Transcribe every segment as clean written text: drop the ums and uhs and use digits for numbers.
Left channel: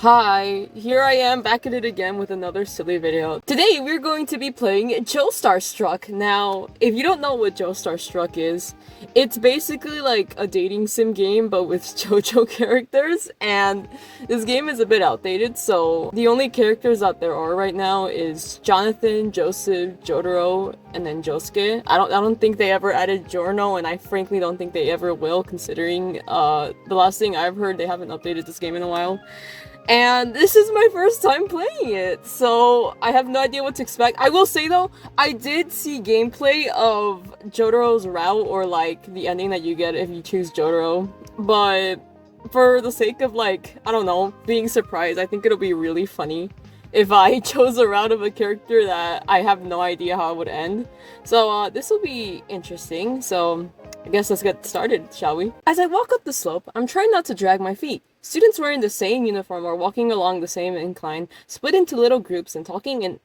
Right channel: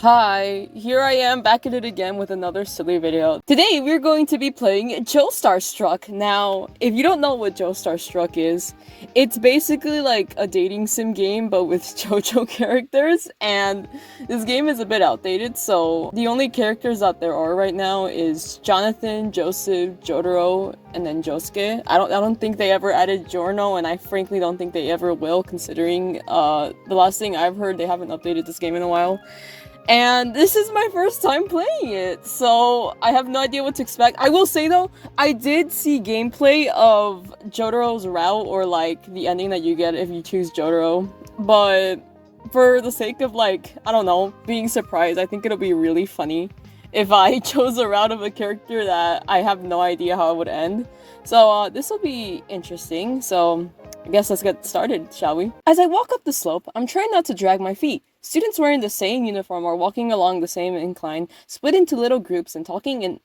Hi, here I am back at it again with another silly video. Today we're going to be playing Joestar Struck. Now, if you don't know what Joestar Struck is, it's basically like a dating sim game but with JoJo characters, and this game is a bit outdated, so the only characters that there are right now is Jonathan, Joseph, Jotaro, and then Josuke. I don't think they ever added Giorno, and I frankly don't think they ever will, considering the last thing I've heard, they haven't updated this game in a while. And this is my first time playing it, so I have no idea what to expect. I will say though, I did see gameplay of Jotaro's route, or like the ending that you get if you choose Jotaro, but for the sake of like, I don't know, being surprised, I think it'll be really funny if I chose a route of a character that I have no idea how it would end. So this will be interesting, so I guess let's get started, shall we? As I walk up the slope, I'm trying not to drag my feet. Students wearing the same uniform are walking along the same incline, split into little groups and talking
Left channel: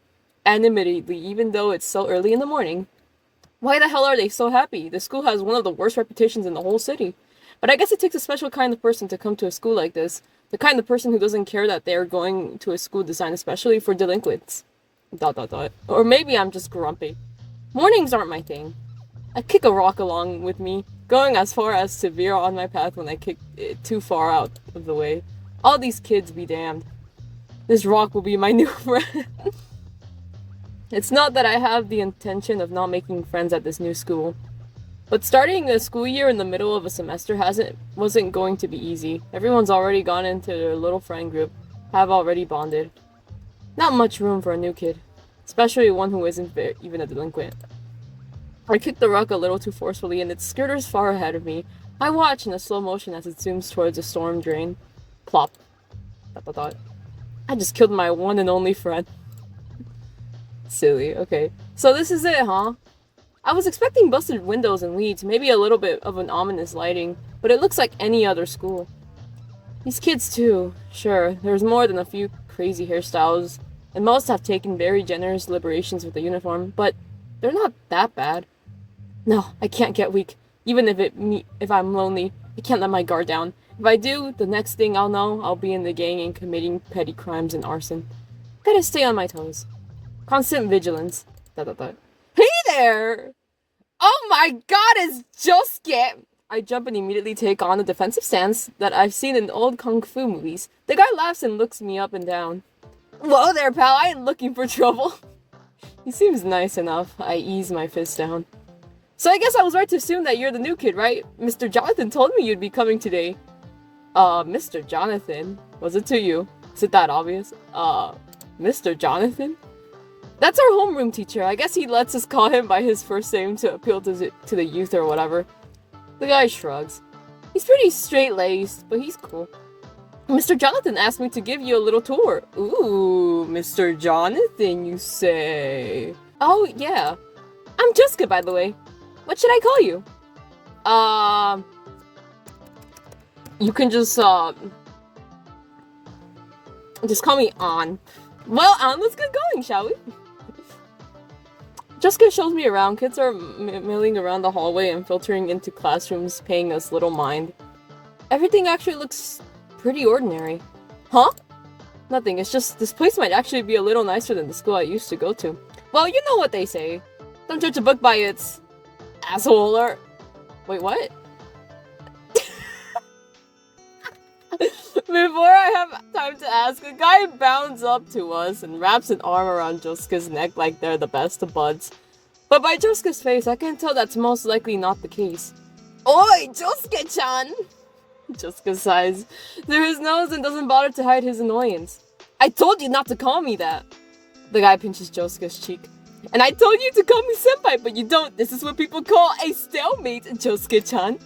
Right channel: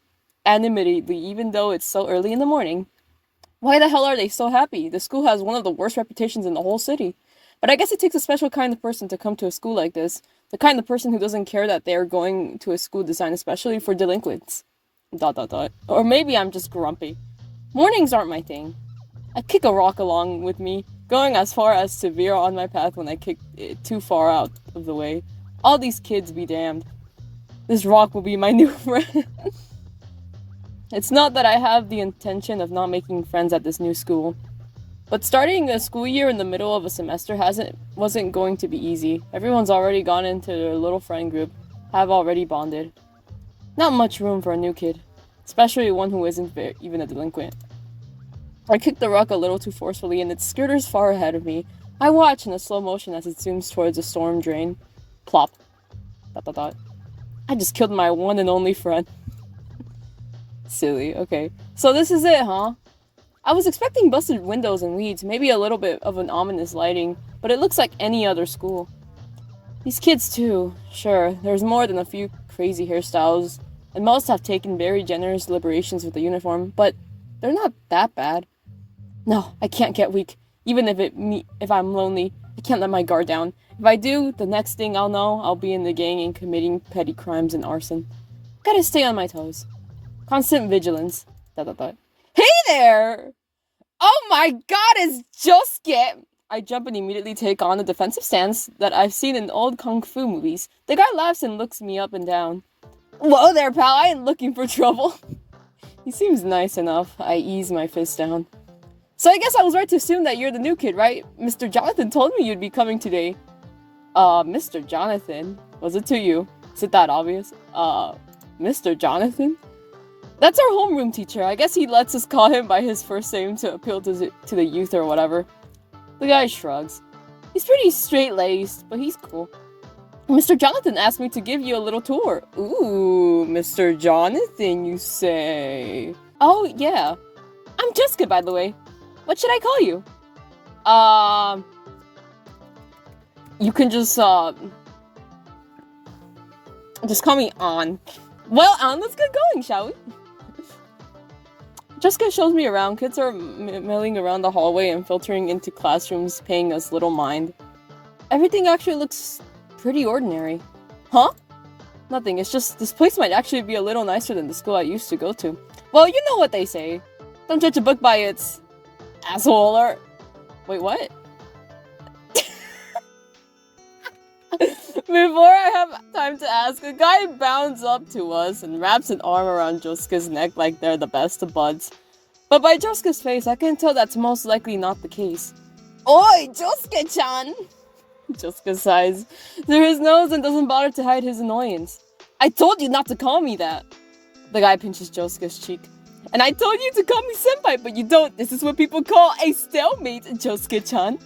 animatedly even though it's so early in the morning. Why the hell are they so happy? The school has one of the worst reputations in the whole city. But I guess it takes a special kind of person to come to a school like this. The kind of person who doesn't care that they're going to a school designed especially for delinquents. ... Or maybe I'm just grumpy. Mornings aren't my thing. I kick a rock along with me, going as far as to veer on my path when I kick it too far out of the way. All these kids be damned. This rock will be my new friend. It's not that I have the intention of not making friends at this new school, but starting a school year in the middle of a semester wasn't going to be easy. Everyone's already gone into their little friend group, have already bonded. Not much room for a new kid, especially one who isn't even a delinquent. I kicked the rock a little too forcefully and it skitters far ahead of me. I watch in a slow motion as it zooms towards a storm drain. Plop. ... I just killed my one and only friend. Silly, okay. So this is it, huh? I was expecting busted windows and weeds, maybe a little bit of an ominous lighting, but it looks like any other school. These kids too. Sure, there's more than a few crazy hairstyles, and most have taken very generous liberations with the uniform, but they're not that bad. No, I can't get weak. Even if I'm lonely, I can't let my guard down. If I do, the next thing I'll know, I'll be in the gang and committing petty crimes and arson. Gotta stay on my toes. Constant vigilance. ... Hey there! Oh my god, it's Josuke! I jump and immediately take on a defensive stance that I've seen in old kung fu movies. The guy laughs and looks me up and down. Whoa there, pal, I ain't looking for trouble. He seems nice enough. I ease my fist down. So I guess I was right to assume that you're the new kid, right? Mr. Jonathan told me you'd be coming today. Mr. Jonathan? Was it to you? Is it that obvious? Mr. Jonathan? That's our homeroom teacher. I guess he lets us call him by his first name to appeal to the youth or whatever. The guy shrugs. He's pretty straight-laced, but he's cool. Mr. Jonathan asked me to give you a little tour. Ooh, Mr. Jonathan, you say? Oh, yeah. I'm Jessica, by the way. What should I call you? You can just call me An. Well, An, let's get going, shall we? Jessica shows me around. Kids are milling around the hallway and filtering into classrooms, paying us little mind. Everything actually looks pretty ordinary. Huh? Nothing, it's just this place might actually be a little nicer than the school I used to go to. Well, you know what they say. Don't judge a book by its asshole or... Wait, what? Before I have time to ask, a guy bounds up to us and wraps an arm around Josuke's neck like they're the best of buds. But by Josuke's face, I can tell that's most likely not the case. Oi, Josuke-chan! Josuke sighs through his nose and doesn't bother to hide his annoyance. I told you not to call me that! The guy pinches Josuke's cheek. And I told you to call me senpai, but you don't. This is what people call a stalemate, Josuke-chan.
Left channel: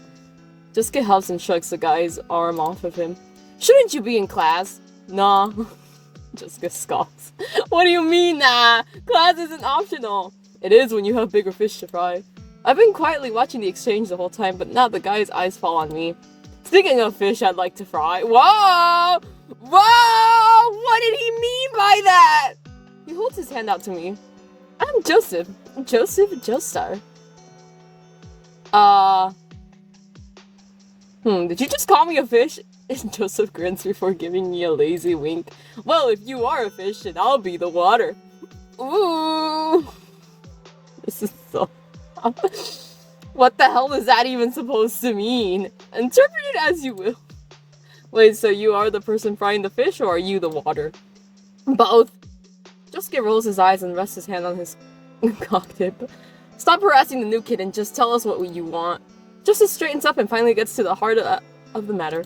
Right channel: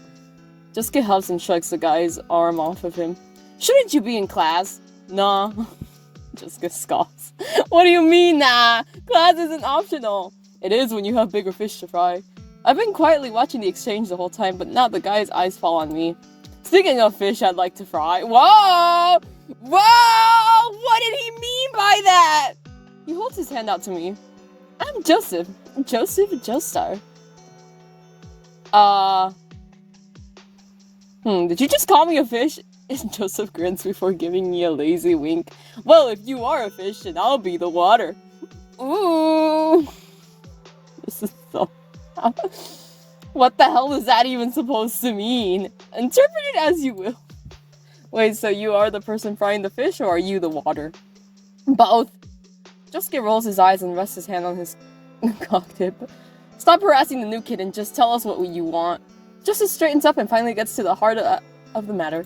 Josuke huffs and shrugs the guy's arm off of him. Shouldn't you be in class? Nah. Josuke scoffs. What do you mean, nah? Class isn't optional. It is when you have bigger fish to fry. I've been quietly watching the exchange the whole time, but now the guy's eyes fall on me. Speaking of fish I'd like to fry. Whoa! Whoa! What did he mean by that? He holds his hand out to me. I'm Joseph. Joseph Joestar. Did you just call me a fish? Joseph grins before giving me a lazy wink. Well, if you are a fish, then I'll be the water. Ooh. This is so... What the hell is that even supposed to mean? Interpret it as you will. Wait, so you are the person frying the fish, or are you the water? Both. Josuke rolls his eyes and rests his hand on his cock tip. Stop harassing the new kid and just tell us what you want. Justice straightens up and finally gets to the heart of the matter.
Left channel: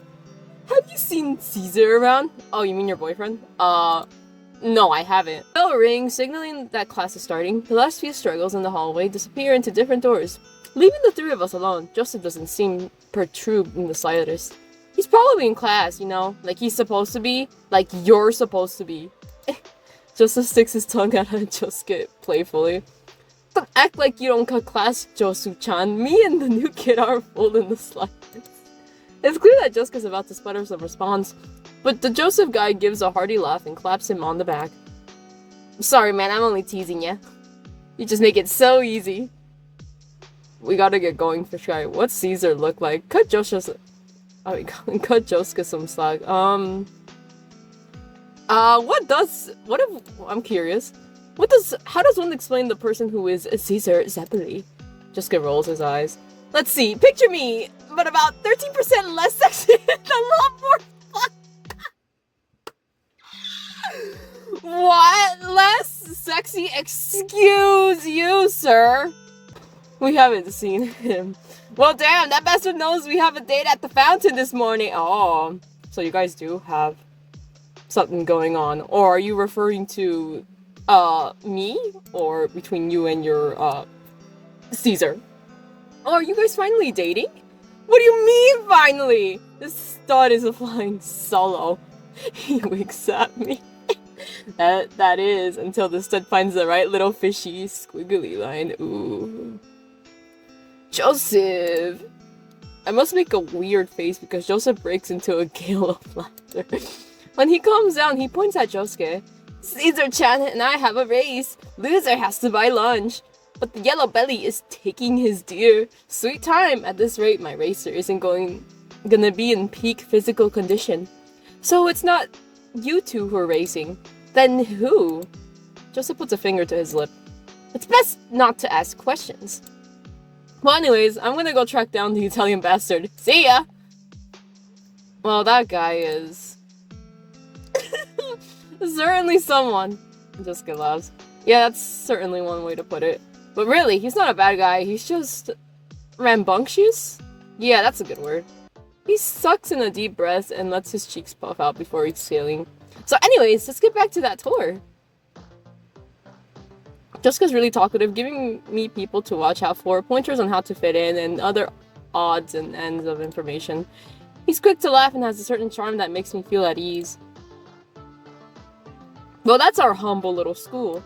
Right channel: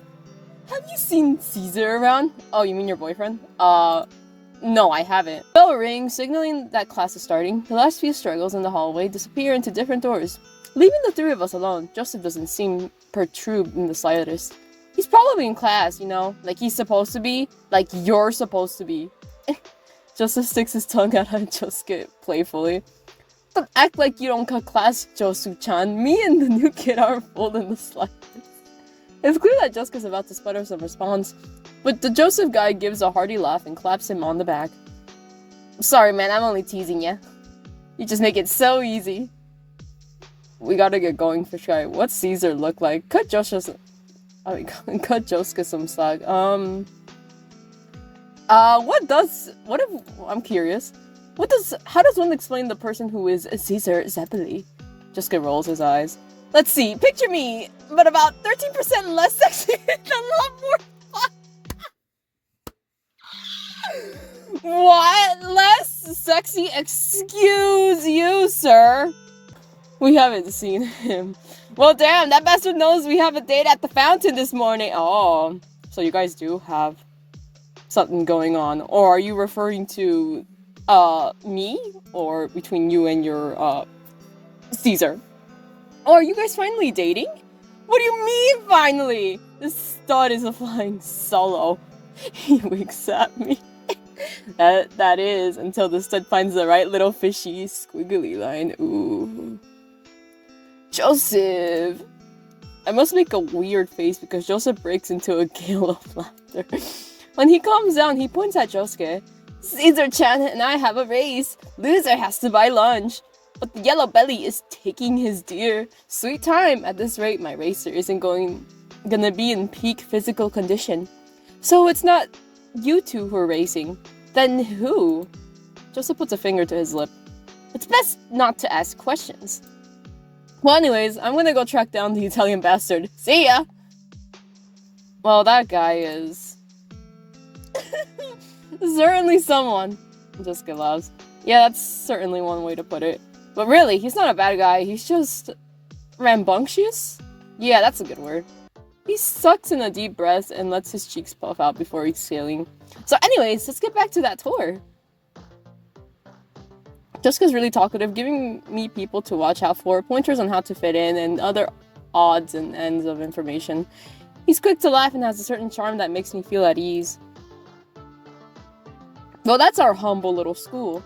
Have you seen Caesar around? Oh, you mean your boyfriend? No, I haven't. Bell rings, signaling that class is starting. The last few struggles in the hallway disappear into different doors. Leaving the three of us alone, Joseph doesn't seem perturbed in the slightest. He's probably in class, you know? Like he's supposed to be. Like you're supposed to be. Joseph sticks his tongue out at Josuke playfully. Don't act like you don't cut class, Josu-chan. Me and the new kid aren't fooled in the slightest. It's clear that Josuke's about to sputter some response, but the Joseph guy gives a hearty laugh and claps him on the back. Sorry man, I'm only teasing ya. You just make it so easy. We gotta get going for sure. What's Caesar look like? Cut Josuke some slack. I'm curious. How does one explain the person who is Caesar Zeppeli? Josuke rolls his eyes. Let's see, picture me, but about 13% less sexy and a lot more fun. What? Less sexy? Excuse you, sir. We haven't seen him. Well, damn, that bastard knows we have a date at the fountain this morning. Oh, so you guys do have something going on. Or are you referring to, me? Or between you and your, Caesar? Oh, are you guys finally dating? What do you mean, finally? This stud is a flying solo. He winks at me. That is, until the stud finds the right little fishy squiggly line. Ooh. Joseph! I must make a weird face because Joseph breaks into a gale of laughter. When he calms down, he points at Josuke. Caesar-chan and I have a race. Loser has to buy lunch. But the yellow belly is taking his deer. Sweet time. At this rate, my racer isn't gonna be in peak physical condition. So it's not you two who are racing. Then who? Joseph puts a finger to his lip. It's best not to ask questions. Well, anyways, I'm gonna go track down the Italian bastard. See ya! Well, that guy is... certainly someone. Jessica laughs. Yeah, that's certainly one way to put it. But really, he's not a bad guy, he's just... rambunctious? Yeah, that's a good word. He sucks in a deep breath and lets his cheeks puff out before exhaling. So anyways, let's get back to that tour. Jessica's really talkative, giving me people to watch out for, pointers on how to fit in, and other odds and ends of information. He's quick to laugh and has a certain charm that makes me feel at ease. Well, that's our humble little school.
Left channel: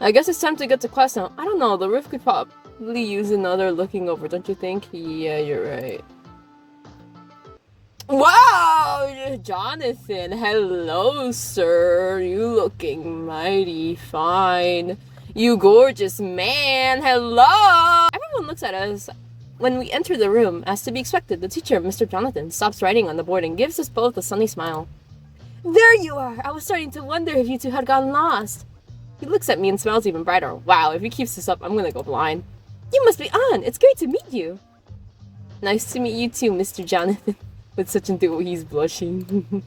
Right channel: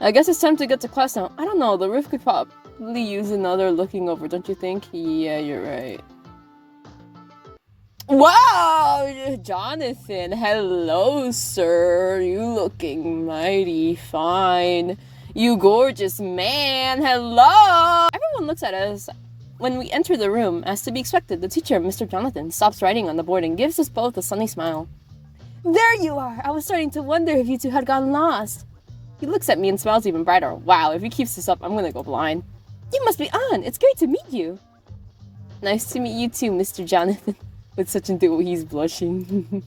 I guess it's time to get to class now. I don't know, the roof could probably use another looking over, don't you think? Yeah, you're right. Wow! Jonathan, hello, sir. You looking mighty fine. You gorgeous man, hello! Everyone looks at us when we enter the room. As to be expected, the teacher, Mr. Jonathan, stops writing on the board and gives us both a sunny smile. There you are! I was starting to wonder if you two had gotten lost. He looks at me and smiles even brighter. Wow, if he keeps this up, I'm gonna go blind. You must be on! It's great to meet you! Nice to meet you too, Mr. Jonathan. With such enthusiasm, he's blushing.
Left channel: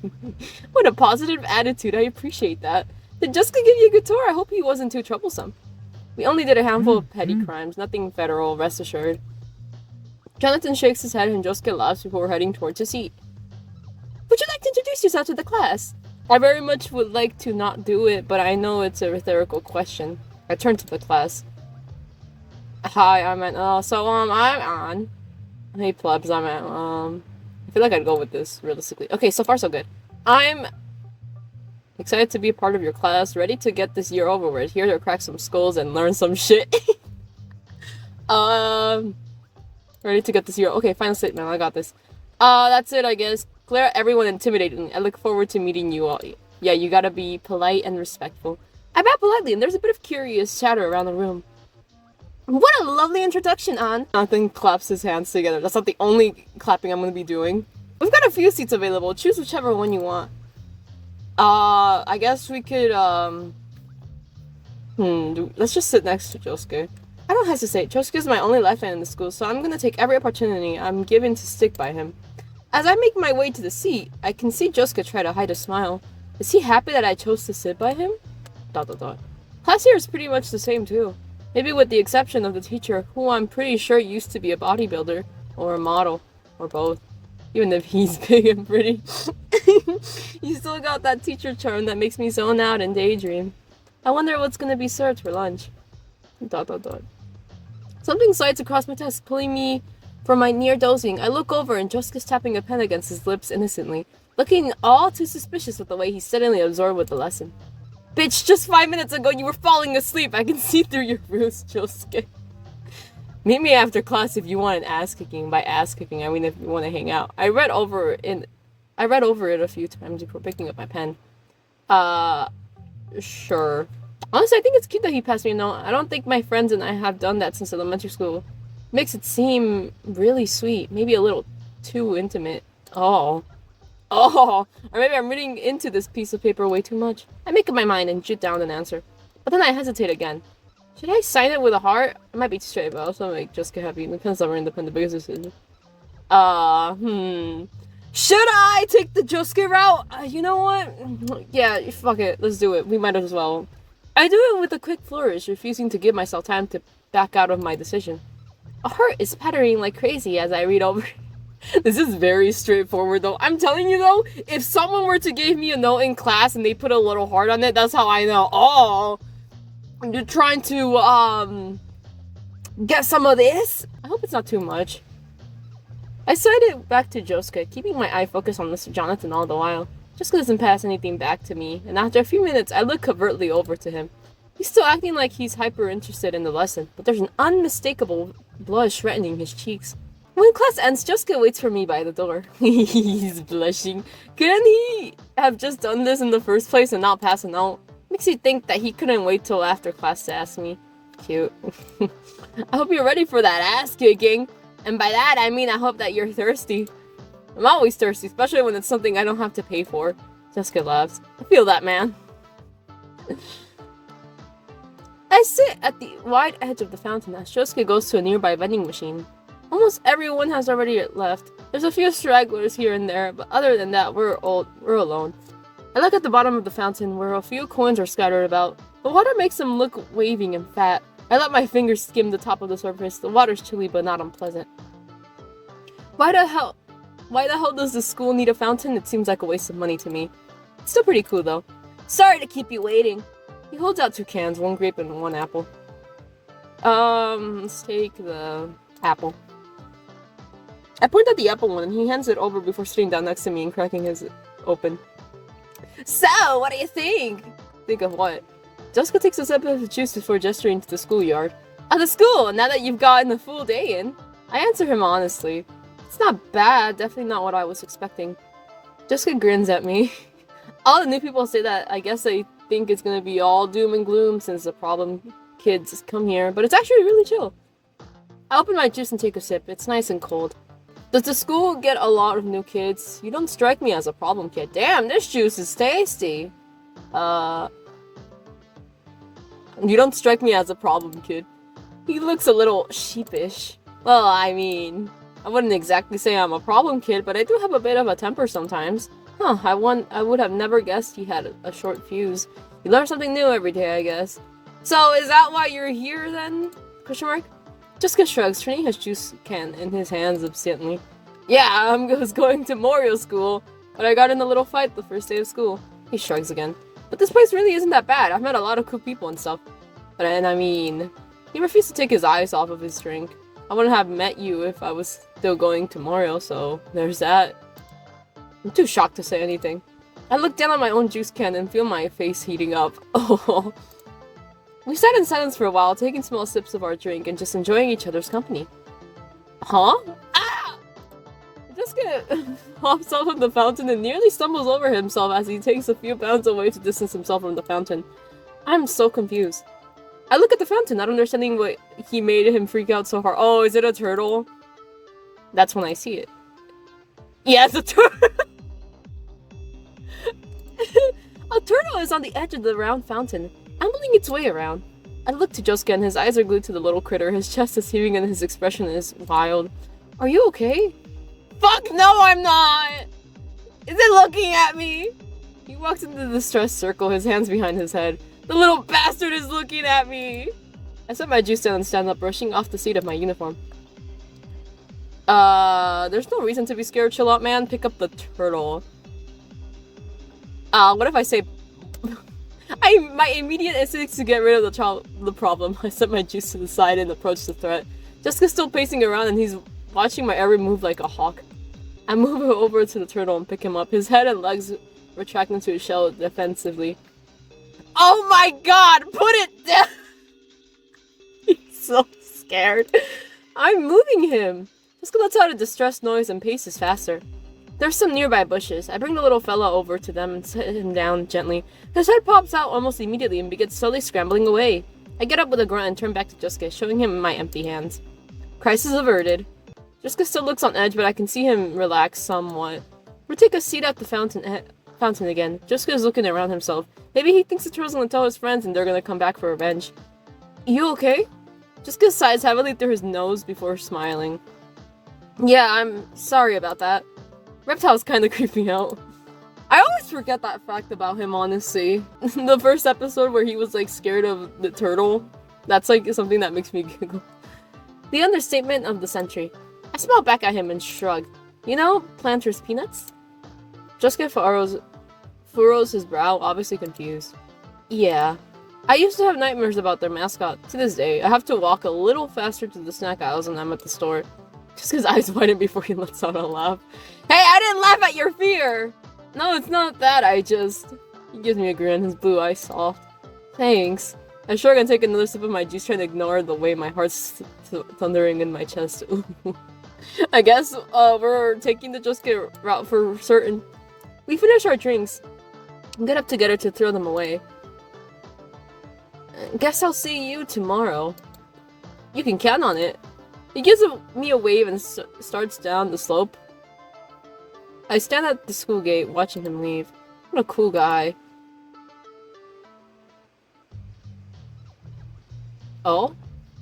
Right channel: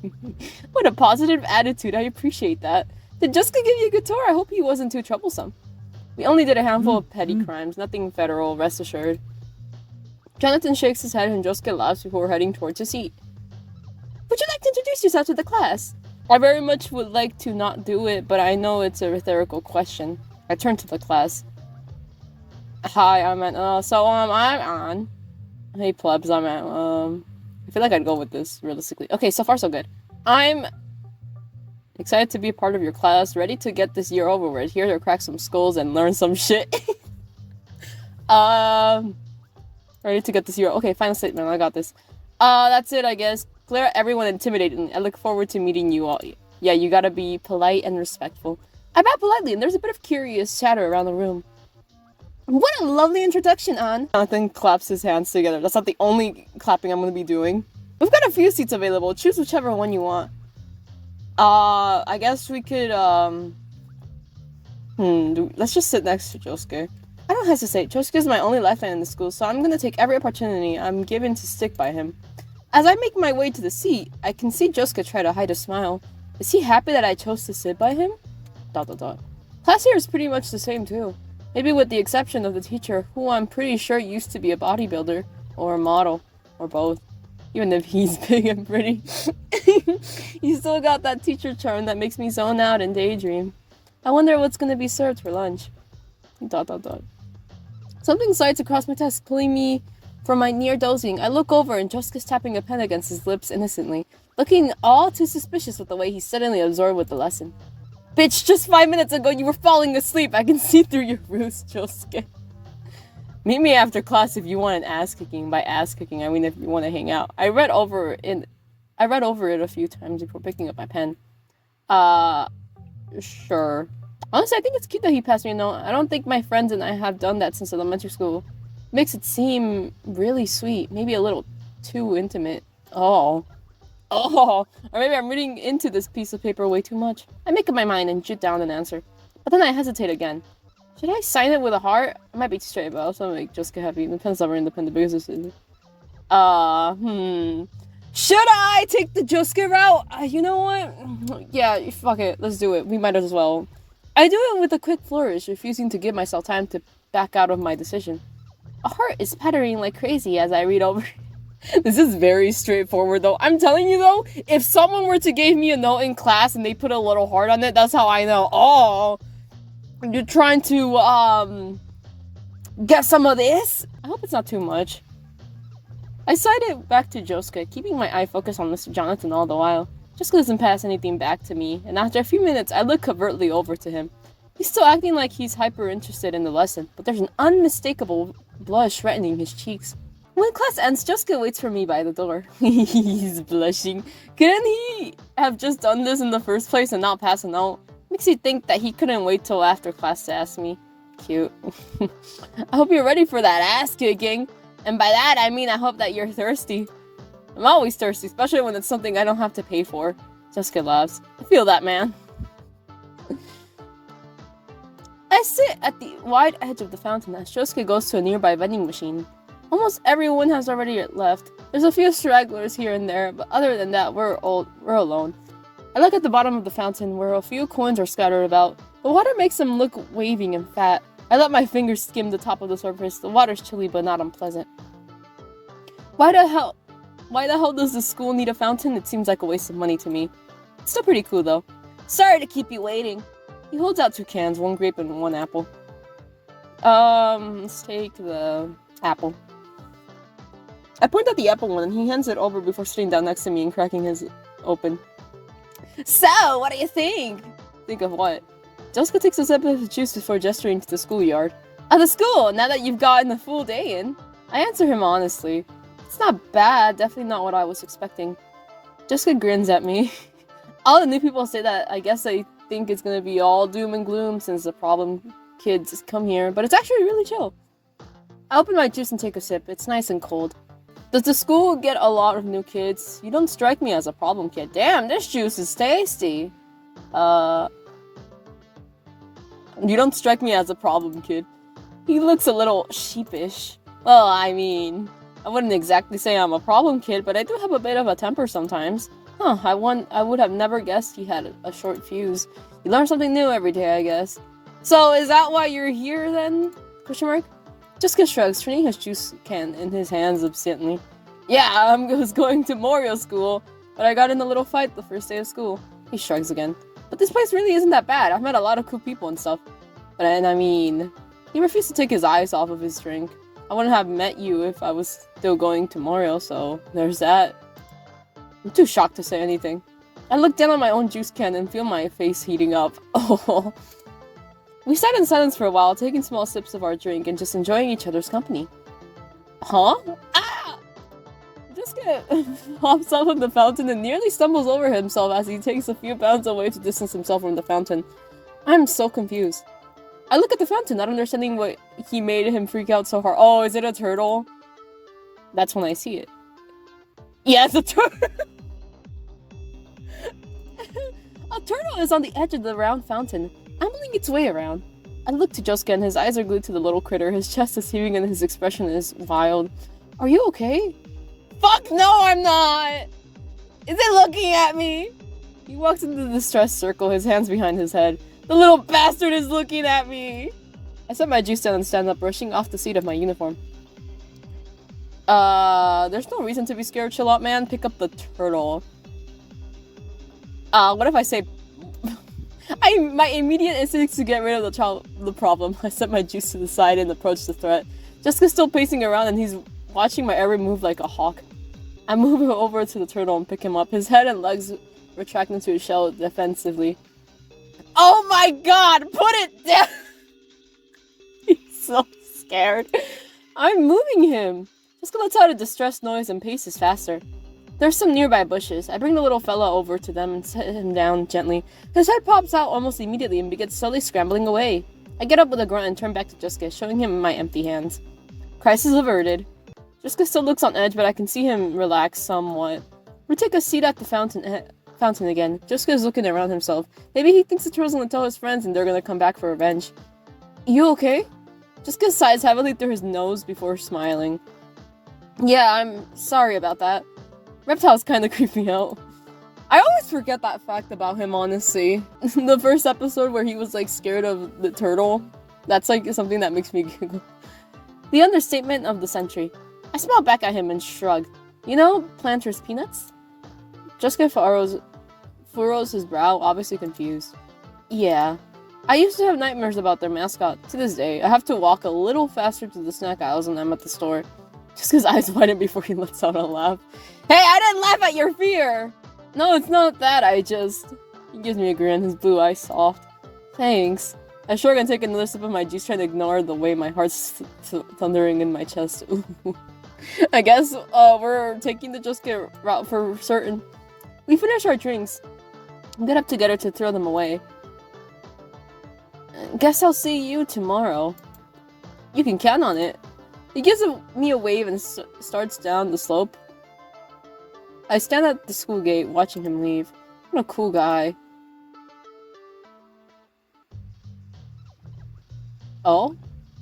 What a positive attitude, I appreciate that. Did Jessica give you a good tour? I hope he wasn't too troublesome. We only did a handful of petty crimes, nothing federal, rest assured. Jonathan shakes his head and Josuke laughs before heading towards his seat. Would you like to introduce yourself to the class? I very much would like to not do it, but I know it's a rhetorical question. I turn to the class. Hi, I'm on. Hey, plebs, I'm at, I feel like I'd go with this, realistically. Okay, so far so good. I'm excited to be a part of your class, ready to get this year over with, here to crack some skulls and learn some shit. Ready to get this year. Okay, final statement, I got this. That's it, I guess. Clear everyone intimidating. I look forward to meeting you all. Yeah, you gotta be polite and respectful. I bow politely, and there's a bit of curious chatter around the room. What a lovely introduction, An! Jonathan claps his hands together. That's not the only clapping I'm gonna be doing. We've got a few seats available. Choose whichever one you want. I guess we could, let's just sit next to Josuke. I don't hesitate. Josuke is my only lifeline in the school, so I'm gonna take every opportunity I'm given to stick by him. As I make my way to the seat, I can see Josuke try to hide a smile. Is he happy that I chose to sit by him? ... Class here is pretty much the same too. Maybe with the exception of the teacher, who I'm pretty sure used to be a bodybuilder, or a model, or both. Even if he's big and pretty. He's still got that teacher charm that makes me zone out and daydream. I wonder what's gonna be served for lunch. ... Something slides across my desk, pulling me from my near dozing. I look over and Josuke's tapping a pen against his lips innocently, looking all too suspicious with the way he's suddenly absorbed with the lesson. Bitch, just 5 minutes ago you were falling asleep. I can see through your ruse, Josuke. Meet me after class if you want an ass kicking. By ass kicking, I mean if you want to hang out. I read over it a few times before picking up my pen. Sure. Honestly, I think it's cute that he passed me a note. I don't think my friends and I have done that since elementary school. Makes it seem really sweet. Maybe a little too intimate. Or maybe I'm reading into this piece of paper way too much. I make up my mind and jot down an answer. But then I hesitate again. Should I sign it with a heart? I might be too straight, but I also make Jessica happy. The pen's never independent biggest decision. Should I take the Josuke route? You know what? Yeah, fuck it. Let's do it. We might as well. I do it with a quick flourish, refusing to give myself time to back out of my decision. A heart is pattering like crazy as I read over. This is very straightforward, though. I'm telling you, though, if someone were to give me a note in class and they put a little heart on it, that's how I know. Oh, you're trying to, get some of this? I hope it's not too much. I slide it back to Josuke, keeping my eye focused on Mr. Jonathan all the while. Josuke doesn't pass anything back to me, and after a few minutes, I look covertly over to him. He's still acting like he's hyper-interested in the lesson, but there's an unmistakable blush reddening his cheeks. When class ends, Josuke waits for me by the door. He's blushing. Couldn't he have just done this in the first place and not pass a note? Makes you think that he couldn't wait till after class to ask me. Cute. I hope you're ready for that ass kicking. And by that, I mean I hope that you're thirsty. I'm always thirsty, especially when it's something I don't have to pay for. Josuke laughs. I feel that, man. I sit at the wide edge of the fountain as Josuke goes to a nearby vending machine. Almost everyone has already left. There's a few stragglers here and there, but other than that, we're alone. I look at the bottom of the fountain where a few coins are scattered about. The water makes them look waving and fat. I let my fingers skim the top of the surface. The water's chilly but not unpleasant. Why the hell does the school need a fountain? It seems like a waste of money to me. It's still pretty cool though. Sorry to keep you waiting. He holds out 2 cans, 1 grape and 1 apple. Let's take the apple. I point at the apple one and he hands it over before sitting down next to me and cracking his open. So, what do you think? Think of what? Jessica takes a sip of the juice before gesturing to the schoolyard. At the school, now that you've gotten a full day in. I answer him honestly. It's not bad, definitely not what I was expecting. Jessica grins at me. All the new people say that. I guess they think it's gonna be all doom and gloom since the problem kids come here, but it's actually really chill. I open my juice and take a sip. It's nice and cold. Does the school get a lot of new kids? You don't strike me as a problem kid. Damn, this juice is tasty. You don't strike me as a problem kid. He looks a little sheepish. Well, I mean, I wouldn't exactly say I'm a problem kid, but I do have a bit of a temper sometimes. Huh, I would have never guessed he had a short fuse. You learn something new every day, I guess. So, is that why you're here then? Question mark? Jessica shrugs, turning his juice can in his hands absently. Yeah, I was going to Morio school, but I got in a little fight the first day of school. He shrugs again. But this place really isn't that bad. I've met a lot of cool people and stuff. And I mean, he refused to take his eyes off of his drink. I wouldn't have met you if I was still going to Morio, so there's that. I'm too shocked to say anything. I look down at my own juice can and feel my face heating up. Oh. We sat in silence for a while, taking small sips of our drink and just enjoying each other's company. Huh? Ah! Jessica hops off of the fountain and nearly stumbles over himself as he takes a few bounds away to distance himself from the fountain. I'm so confused. I look at the fountain, not understanding what he made him freak out so hard. Oh, is it a turtle? That's when I see it. Yes, a turtle. A turtle is on the edge of the round fountain, ambling its way around. I look to Josuke and his eyes are glued to the little critter. His chest is heaving and his expression is wild. Are you okay? Fuck no, I'm not! Is it looking at me? He walks into the distressed circle, his hands behind his head. The little bastard is looking at me! I set my juice down and stand up, brushing off the seat of my uniform. There's no reason to be scared. Chill out, man. Pick up the turtle. What if I say... my immediate instinct is to get rid of the problem. I set my juice to the side and approach the threat. Jessica's still pacing around and he's watching my every move like a hawk. I move over to the turtle and pick him up. His head and legs retract into his shell defensively. Oh my god! Put it down! He's so scared. I'm moving him. Jessica lets out a distressed noise and paces faster. There's some nearby bushes. I bring the little fella over to them and set him down gently. His head pops out almost immediately and begins slowly scrambling away. I get up with a grunt and turn back to Josuke, showing him my empty hands. Crisis averted. Josuke still looks on edge, but I can see him relax somewhat. We take a seat at the fountain again. Josuke is looking around himself. Maybe he thinks the turtle's gonna tell his friends and they're gonna come back for revenge. You okay? Josuke sighs heavily through his nose before smiling. Yeah, I'm sorry about that. Reptiles kinda creep me out. I always forget that fact about him, honestly. The first episode where he was like scared of the turtle, that's like something that makes me giggle. The understatement of the century. I smiled back at him and shrugged. You know, Planter's Peanuts? Josuke furrows his brow, obviously confused. Yeah. I used to have nightmares about their mascot. To this day, I have to walk a little faster to the snack aisles when I'm at the store. Just his eyes widen before he lets out a laugh. Hey, I didn't laugh at your fear! No, it's not that, He gives me a grin, his blue eyes soft. Thanks. I shrug and take another sip of my juice, trying to ignore the way my heart's thundering in my chest. I guess, we're taking the Josuke route for certain. We finish our drinks and get up together to throw them away. Guess I'll see you tomorrow. You can count on it. He gives me a wave and starts down the slope. I stand at the school gate, watching him leave. What a cool guy. Oh?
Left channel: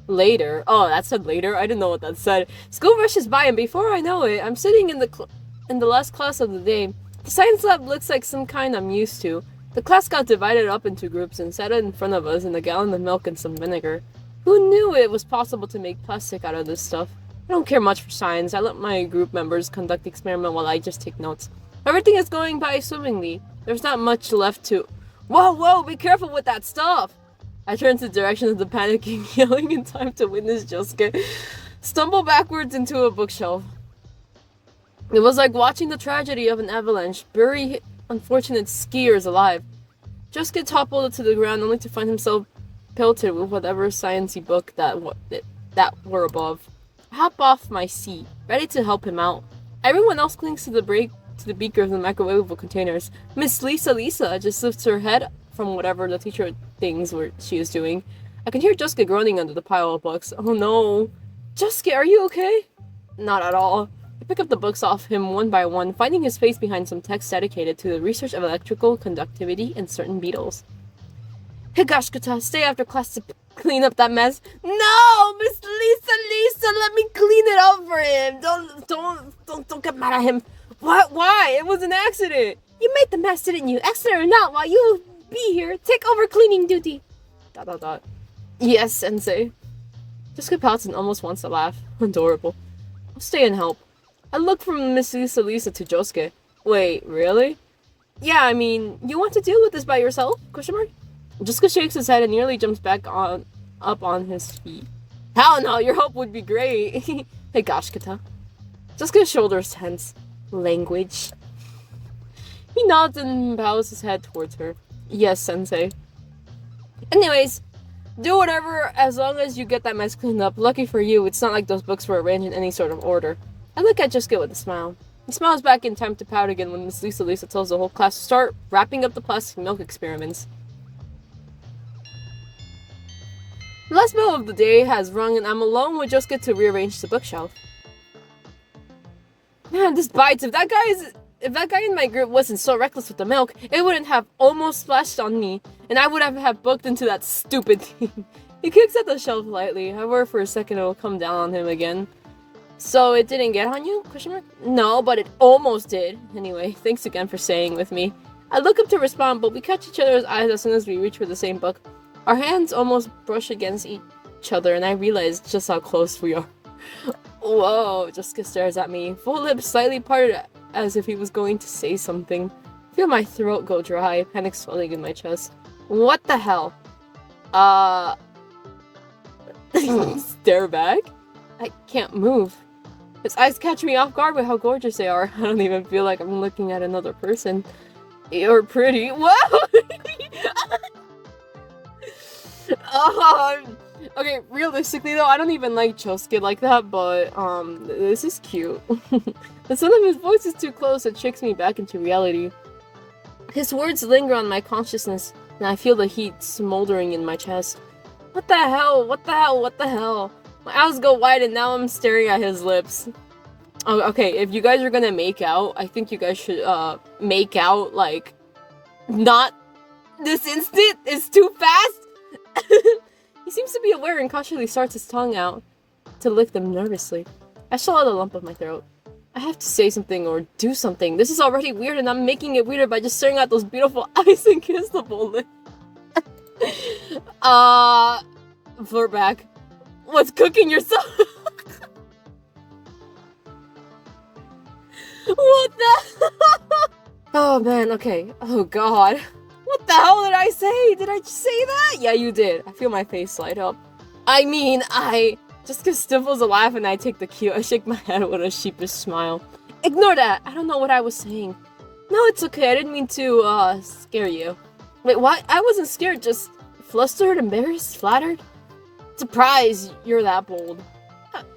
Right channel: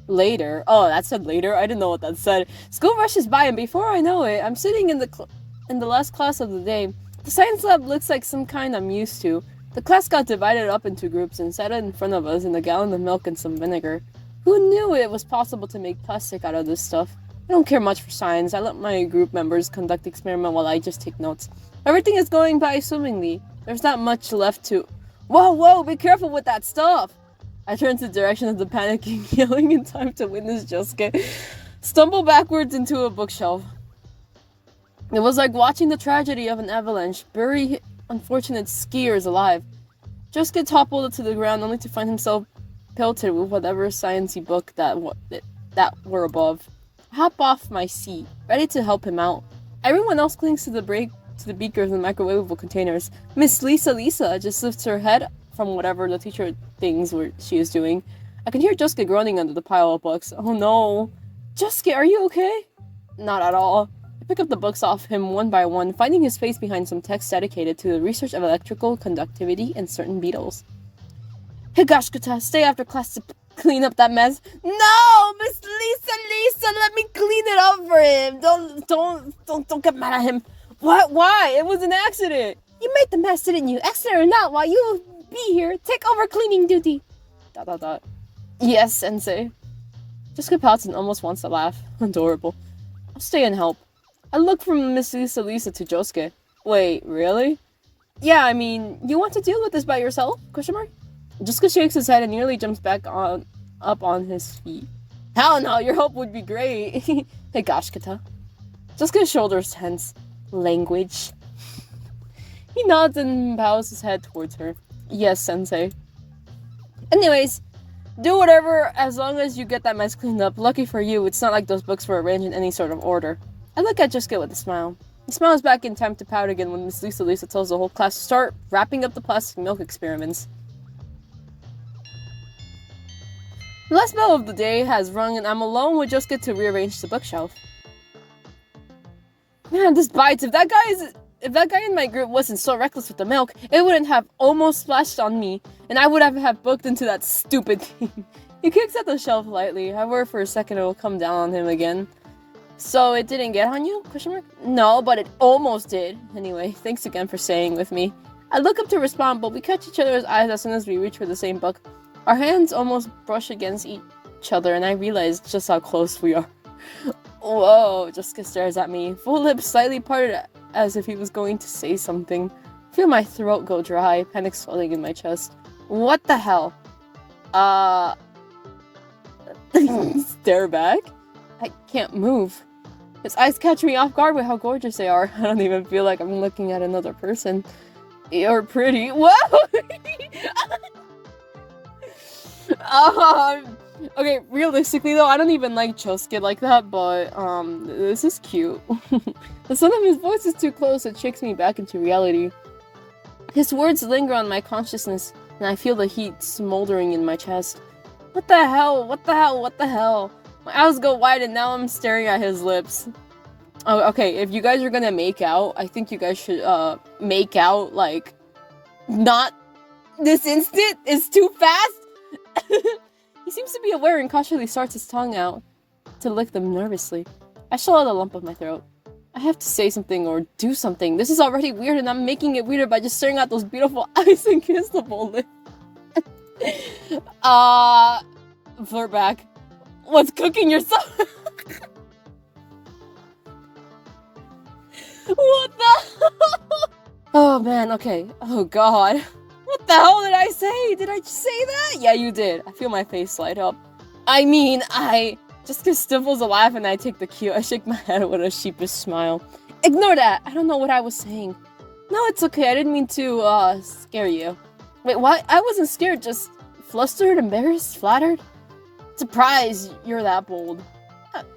Later. Oh, that said later? I didn't know what that said. School rushes by, and before I know it, I'm sitting in the last class of the day. The science lab looks like some kind I'm used to. The class got divided up into groups and sat in front of us in a gallon of milk and some vinegar. Who knew it was possible to make plastic out of this stuff? I don't care much for science. I let my group members conduct the experiment while I just take notes. Everything is going by swimmingly. There's not much left to... Whoa, be careful with that stuff! I turn to the direction of the panicking, yelling in time to witness Josuke stumble backwards into a bookshelf. It was like watching the tragedy of an avalanche, bury unfortunate skiers alive. Josuke toppled to the ground only to find himself pelted with whatever sciencey book that were above. I hop off my seat, ready to help him out. Everyone else clings to the beakers and microwavable containers. Miss Lisa just lifts her head from whatever the teacher things she was doing. I can hear Josuke groaning under the pile of books. Oh no. Josuke, are you okay? Not at all. I pick up the books off him one by one, finding his face behind some text dedicated to the research of electrical conductivity and certain beetles. Higashikata, stay after class to clean up that mess. No! Miss Lisa, let me clean it up for him. Don't get mad at him. What? Why? It was an accident. You made the mess, didn't you? Accident or not, while you be here, take over cleaning duty. ... Yes, sensei. Jessica pouts and almost wants to laugh. Adorable. I'll stay and help. I look from Miss Lisa to Josuke. Wait, really? Yeah, I mean, you want to deal with this by yourself? ? Josuke shakes his head and nearly jumps back up on his feet. Hell no, your help would be great. Hey, Gashkata. Josuke's shoulders tense. Language. He nods and bows his head towards her. Yes, sensei. Anyways, do whatever as long as you get that mess cleaned up. Lucky for you, it's not like those books were arranged in any sort of order. I look at Josuke with a smile. He smiles back in time to pout again when Miss Lisa tells the whole class to start wrapping up the plastic milk experiments. The last bell of the day has rung and I'm alone with Josuke to rearrange the bookshelf. Man, this bites. If that guy in my group wasn't so reckless with the milk, it wouldn't have almost splashed on me, and I would have booked into that stupid thing. He kicks at the shelf lightly. I worry for a second it will come down on him again. So it didn't get on you? Question mark? No, but it almost did. Anyway, thanks again for staying with me. I look up to respond, but we catch each other's eyes as soon as we reach for the same book. Our hands almost brush against each other, and I realize just how close we are. Whoa, Jessica stares at me, full lips slightly parted as if he was going to say something. I feel my throat go dry, panic swelling in my chest. What the hell? Stare back? I can't move. His eyes catch me off guard with how gorgeous they are. I don't even feel like I'm looking at another person. You're pretty. Whoa! Okay, realistically though, I don't even like Josuke like that, but this is cute. The sound of his voice is too close, it shakes me back into reality. His words linger on my consciousness, and I feel the heat smoldering in my chest. What the hell? What the hell? What the hell? My eyes go wide and now I'm staring at his lips. Oh, okay, if you guys are gonna make out, I think you guys should, make out, like, not this instant. It's too fast. He seems to be aware and cautiously starts his tongue out to lick them nervously. I swallow the lump of my throat. I have to say something or do something. This is already weird and I'm making it weirder by just staring at those beautiful eyes and kissable lips. Flirt back. What's cooking yourself? What the? Oh man, okay. Oh god. What the hell did I say? Did I just say that? Yeah, you did. I feel my face light up. I mean, Jessica stifles a laugh and I take the cue. I shake my head with a sheepish smile. Ignore that. I don't know what I was saying. No, it's okay. I didn't mean to, scare you. Wait, what? I wasn't scared, just flustered, embarrassed, flattered. Surprised you're that bold.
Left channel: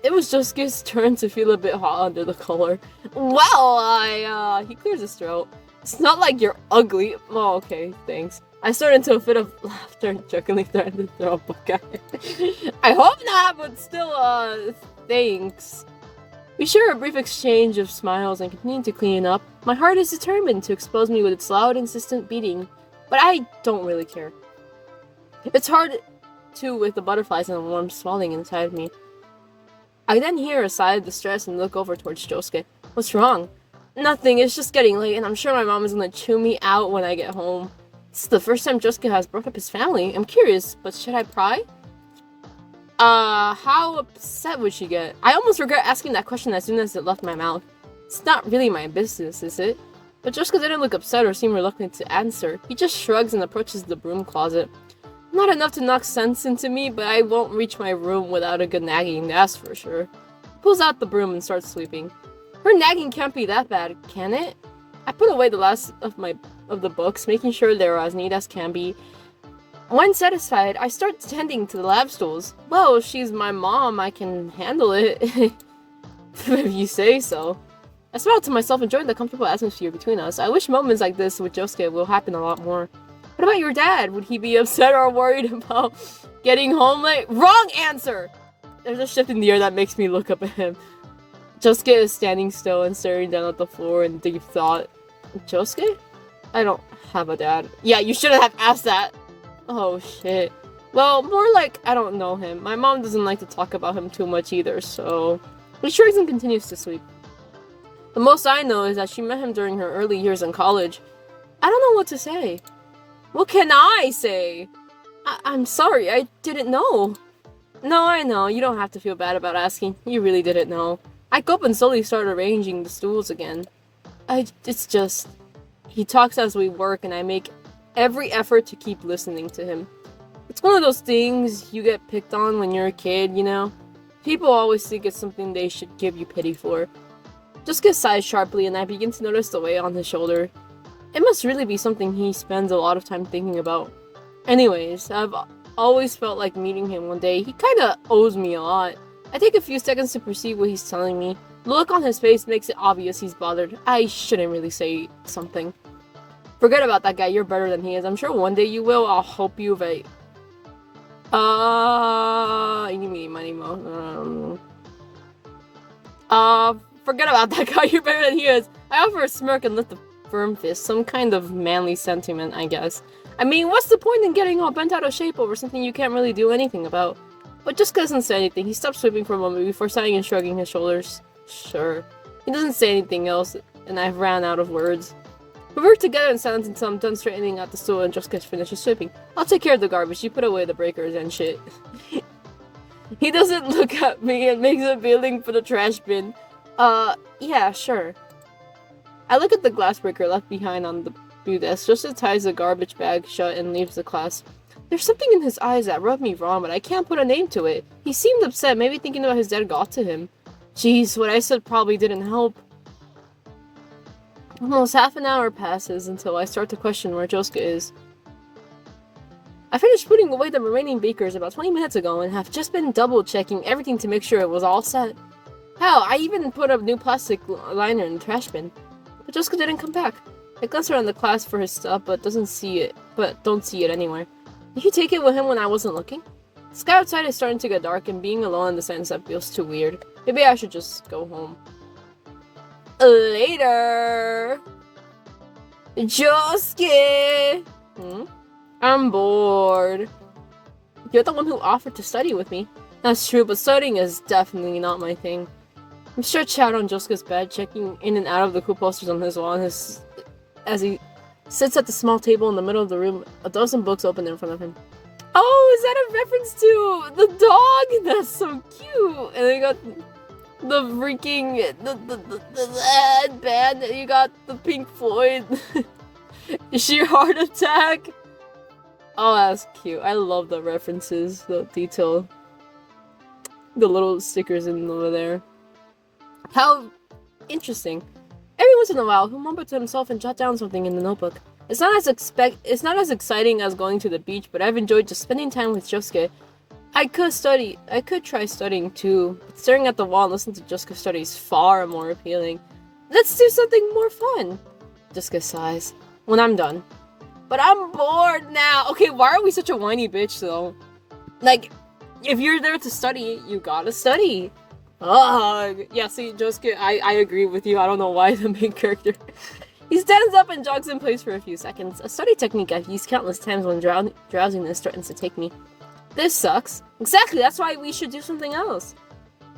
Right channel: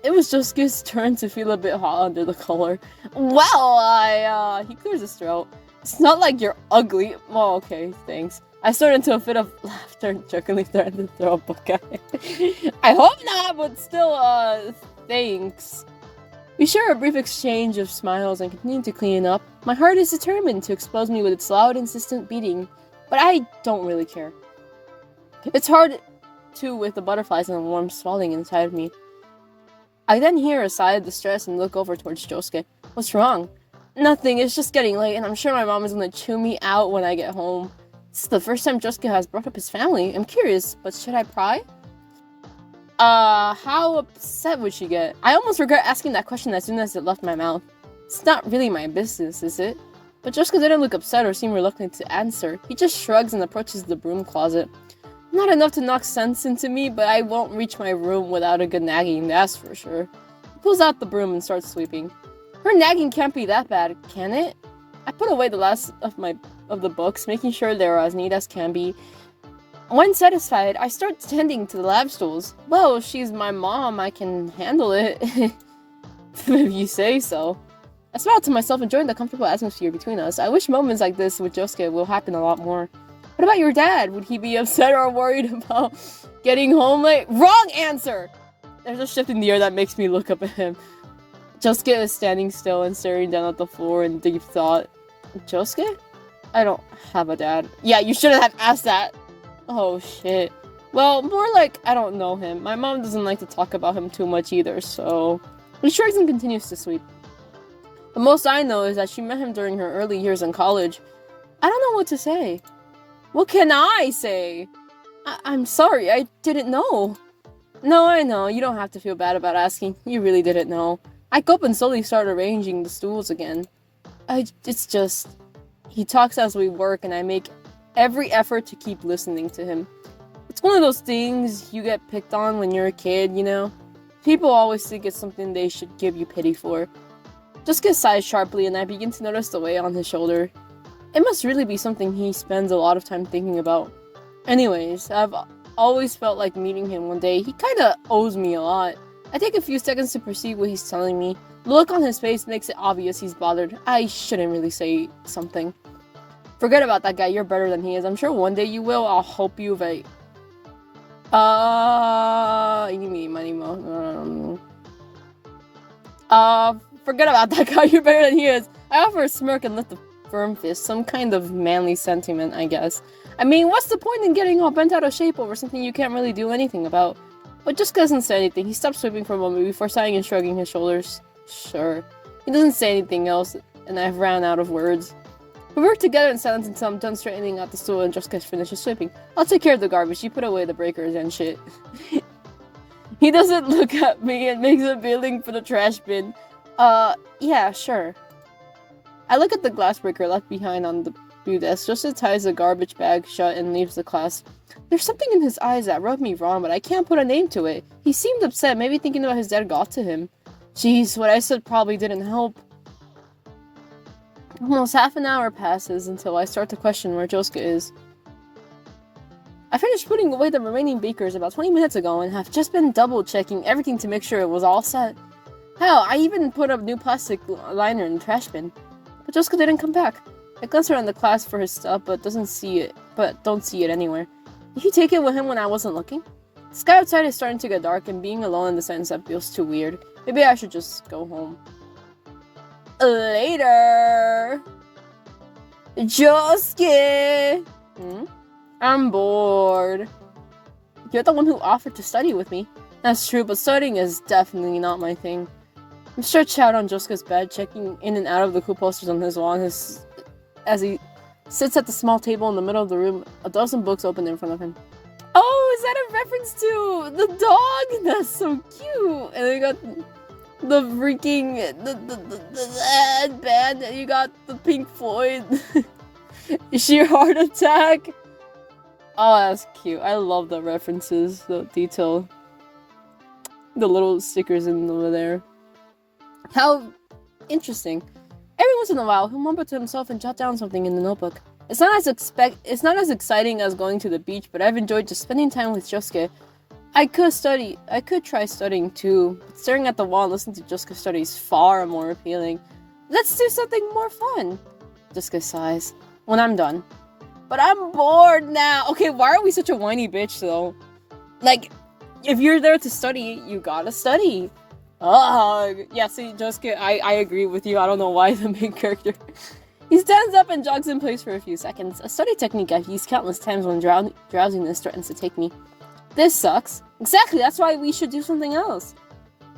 It was just his turn to feel a bit hot under the collar. Well, he clears his throat. It's not like you're ugly. Well, okay, thanks. I started into a fit of laughter and jokingly threatened to throw a book at him. I hope not, but still, thanks. We share a brief exchange of smiles and continue to clean up. My heart is determined to expose me with its loud, insistent beating, but I don't really care. It's hard, too, with the butterflies and the warm swelling inside of me. I then hear a sigh of distress and look over towards Josuke. What's wrong? Nothing, it's just getting late and I'm sure my mom is gonna chew me out when I get home. This is the first time Josuke has brought up his family. I'm curious, but should I pry? How upset would she get? I almost regret asking that question as soon as it left my mouth. It's not really my business, is it? But Josuke didn't look upset or seem reluctant to answer. He just shrugs and approaches the broom closet. Not enough to knock sense into me, but I won't reach my room without a good nagging, that's for sure. He pulls out the broom and starts sweeping. Her nagging can't be that bad, can it? I put away the last of the books, making sure they're as neat as can be. When satisfied, I start tending to the lab stools. Well, if she's my mom, I can handle it. If you say so. I smile to myself, enjoying the comfortable atmosphere between us. I wish moments like this with Josuke will happen a lot more. What about your dad? Would he be upset or worried about getting home late? Wrong answer! There's a shift in the air that makes me look up at him. Josuke is standing still and staring down at the floor in deep thought. Josuke? I don't have a dad. Yeah, you shouldn't have asked that. Oh shit. Well, more like I don't know him. My mom doesn't like to talk about him too much either, so... He shrugs and continues to sweep. The most I know is that she met him during her early years in college. I don't know what to say. What can I say? I'm sorry, I didn't know. No, I know. You don't have to feel bad about asking. You really didn't know. I go up and slowly start arranging the stools again. It's just... He talks as we work and I make every effort to keep listening to him. It's one of those things you get picked on when you're a kid, you know? People always think it's something they should give you pity for. Just get sighs sharply and I begin to notice the weight on his shoulder. It must really be something he spends a lot of time thinking about. Anyways, I've always felt like meeting him one day. He kinda owes me a lot. I take a few seconds to perceive what he's telling me. The look on his face makes it obvious he's bothered. I shouldn't really say something. Forget about that guy, you're better than he is. I'm sure one day you will. I'll hope you right. forget about that guy, you're better than he is. I offer a smirk and lift a firm fist, some kind of manly sentiment, I guess. I mean, what's the point in getting all bent out of shape over something you can't really do anything about? But just doesn't say anything. He stops sweeping for a moment before sighing and shrugging his shoulders. Sure. He doesn't say anything else, and I've ran out of words. We work together in silence until I'm done straightening out the stool and Josuke finishes sweeping. I'll take care of the garbage. You put away the breakers and shit. He doesn't look at me and makes a feeling for the trash bin. Yeah, sure. I look at the glass breaker left behind on the blue desk. Josuke ties the garbage bag shut and leaves the class. There's something in his eyes that rubbed me wrong, but I can't put a name to it. He seemed upset, maybe thinking about his dad got to him. Jeez, what I said probably didn't help. Almost half an hour passes until I start to question where Josuke is. I finished putting away the remaining bakers about 20 minutes ago and have just been double-checking everything to make sure it was all set. Hell, I even put a new plastic liner in the trash bin. But Josuke didn't come back. I glance around the class for his stuff, but don't see it anywhere. Did he take it with him when I wasn't looking? The sky outside is starting to get dark, and being alone in the sunset feels too weird. Maybe I should just go home. Later! Josuke! I'm bored. You're the one who offered to study with me. That's true, but studying is definitely not my thing. I'm stretched out on Josuke's bed, checking in and out of the cool posters on his wall as he sits at the small table in the middle of the room, a dozen books open in front of him. Oh, is that a reference to the dog? That's so cute! And then you got the freaking the band, and you got the Pink Floyd sheer heart attack. Oh, that's cute. I love the references, the detail, the little stickers in over there. How interesting. Every once in a while, he'll mumble to himself and jot down something in the notebook. It's not as exciting as going to the beach, but I've enjoyed just spending time with Josuke. I could try studying too, but staring at the wall and listening to Josuke study is far more appealing. Let's do something more fun. Josuke sighs. When I'm done. But I'm bored now. Okay, why are we such a whiny bitch though? Like, if you're there to study, you gotta study. Yeah, see, Josuke, I agree with you. I don't know why the main character. He stands up and jogs in place for a few seconds. A study technique I've used countless times when drowsiness threatens to take me. This sucks. Exactly, that's why we should do something else.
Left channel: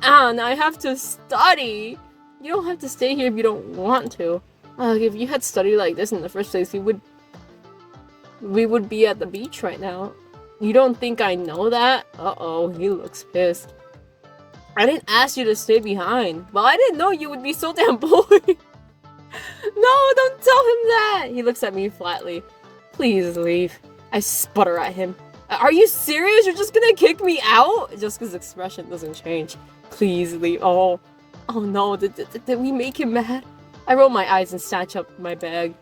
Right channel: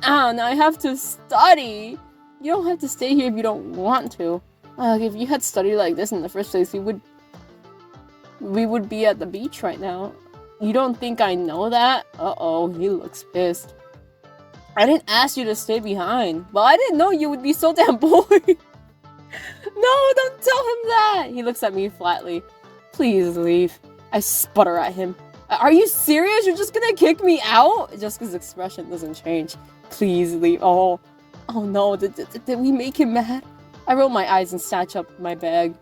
Now I have to study. You don't have to stay here if you don't want to. If you had studied like this in the first place, we would be at the beach right now. You don't think I know that? Uh-oh, he looks pissed. I didn't ask you to stay behind. Well, I didn't know you would be so damn bored. No, don't tell him that! He looks at me flatly. Please leave. I sputter at him. Are you serious? You're just gonna kick me out? Jessica's expression doesn't change. Please leave. Oh no, did we make him mad? I roll my eyes and snatch up my bag.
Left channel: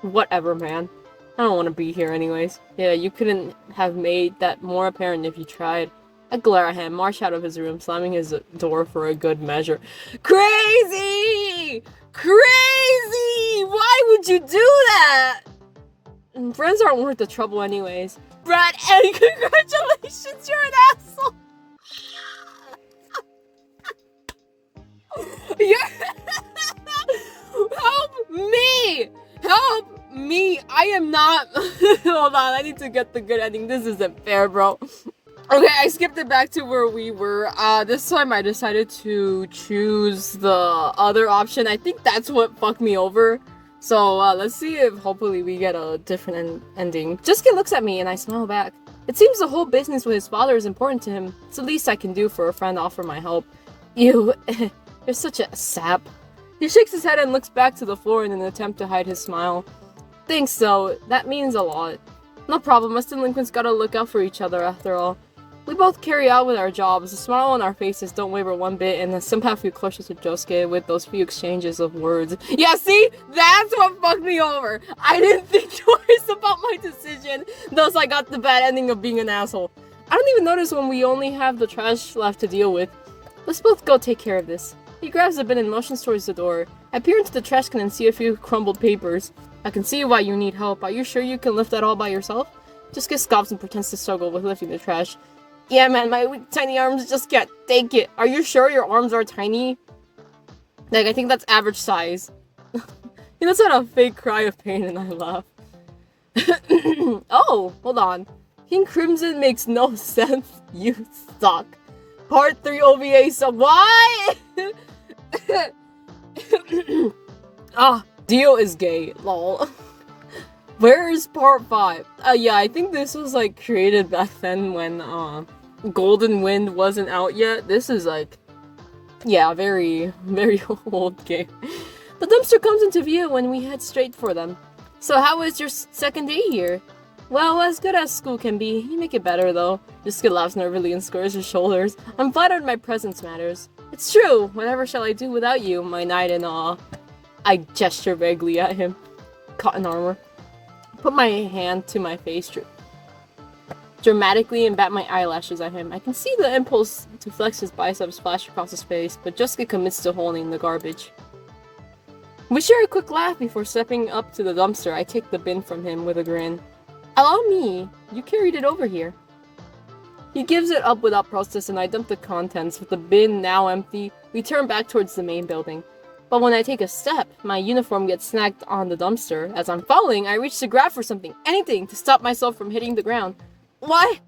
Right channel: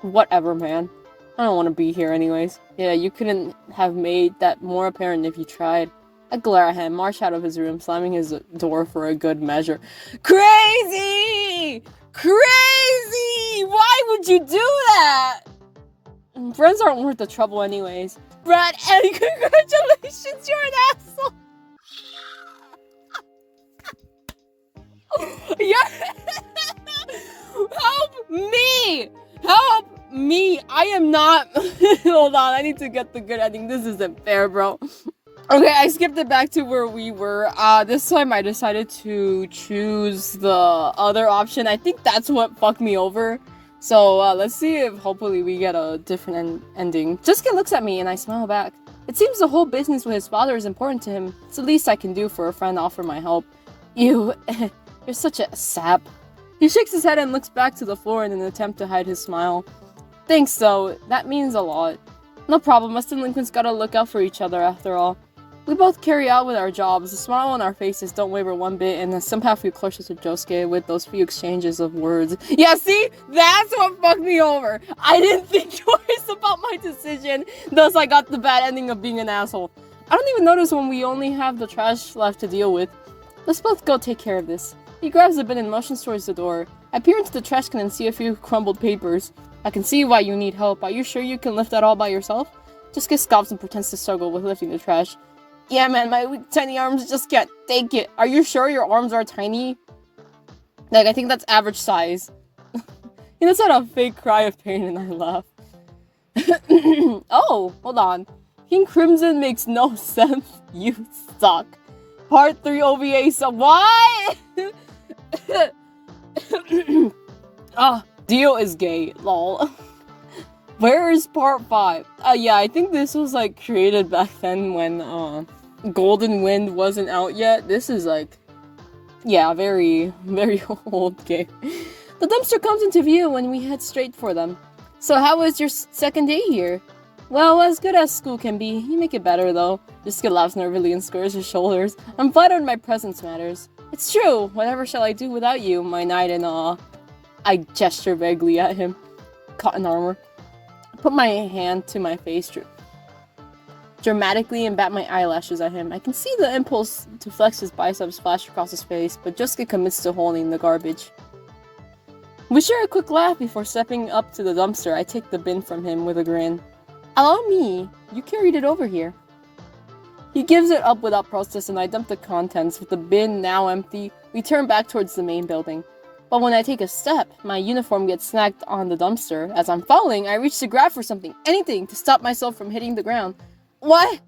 Whatever, man. I don't want to be here anyways. Yeah, you couldn't have made that more apparent if you tried. I glare at him, march out of his room, slamming his door for a good measure. Crazy! Crazy! Why would you do that? Friends aren't worth the trouble anyways. Brad, and congratulations, you're an asshole! Help me! Help me! I am not... Hold on, I need to get the good ending. This isn't fair, bro. Okay, I skipped it back to where we were. This time I decided to choose the other option. I think that's what fucked me over. So, let's see if hopefully we get a different ending. Jessica looks at me and I smile back. It seems the whole business with his father is important to him. It's the least I can do for a friend, offer my help. You, you're such a sap. He shakes his head and looks back to the floor in an attempt to hide his smile. Thanks, though. That means a lot. No problem, us delinquents gotta look out for each other after all. We both carry out with our jobs. The smile on our faces don't waver one bit, and somehow feel closer to Josuke with those few exchanges of words. Yeah, see? That's what fucked me over. I didn't think twice about my decision, thus I got the bad ending of being an asshole. I don't even notice when we only have the trash left to deal with. Let's both go take care of this. He grabs the bin and motions towards the door. I peer into the trash can and see a few crumbled papers. I can see why you need help. Are you sure you can lift that all by yourself? Josuke scoffs and pretends to struggle with lifting the trash. Yeah, man, my weak, tiny arms just can't take it. Are you sure your arms are tiny? Like, I think that's average size. He lets out a fake cry of pain and I laugh. Oh, hold on. King Crimson makes no sense. You suck. Part 3 OVA, so why? Ah, Dio is gay, lol. Where is part 5? Yeah, I think this was like created back then when Golden Wind wasn't out yet. This is like, yeah, very, very old game. The dumpster comes into view when we head straight for them. So how was your second day here? Well, as good as school can be. You make it better though. Yusuke laughs nervously and squares her shoulders. I'm flattered my presence matters. It's true. Whatever shall I do without you, my knight in awe? I gesture vaguely at him. Cotton armor. Put my hand to my face dramatically and bat my eyelashes at him. I can see the impulse to flex his biceps flash across his face, but Josuke commits to holding the garbage. We share a quick laugh before stepping up to the dumpster. I take the bin from him with a grin. Allow me, you carried it over here. He gives it up without protest and I dump the contents. With the bin now empty, we turn back towards the main building. But when I take a step, my uniform gets snagged on the dumpster. As I'm falling, I reach to grab for something, anything, to stop myself from hitting the ground. What?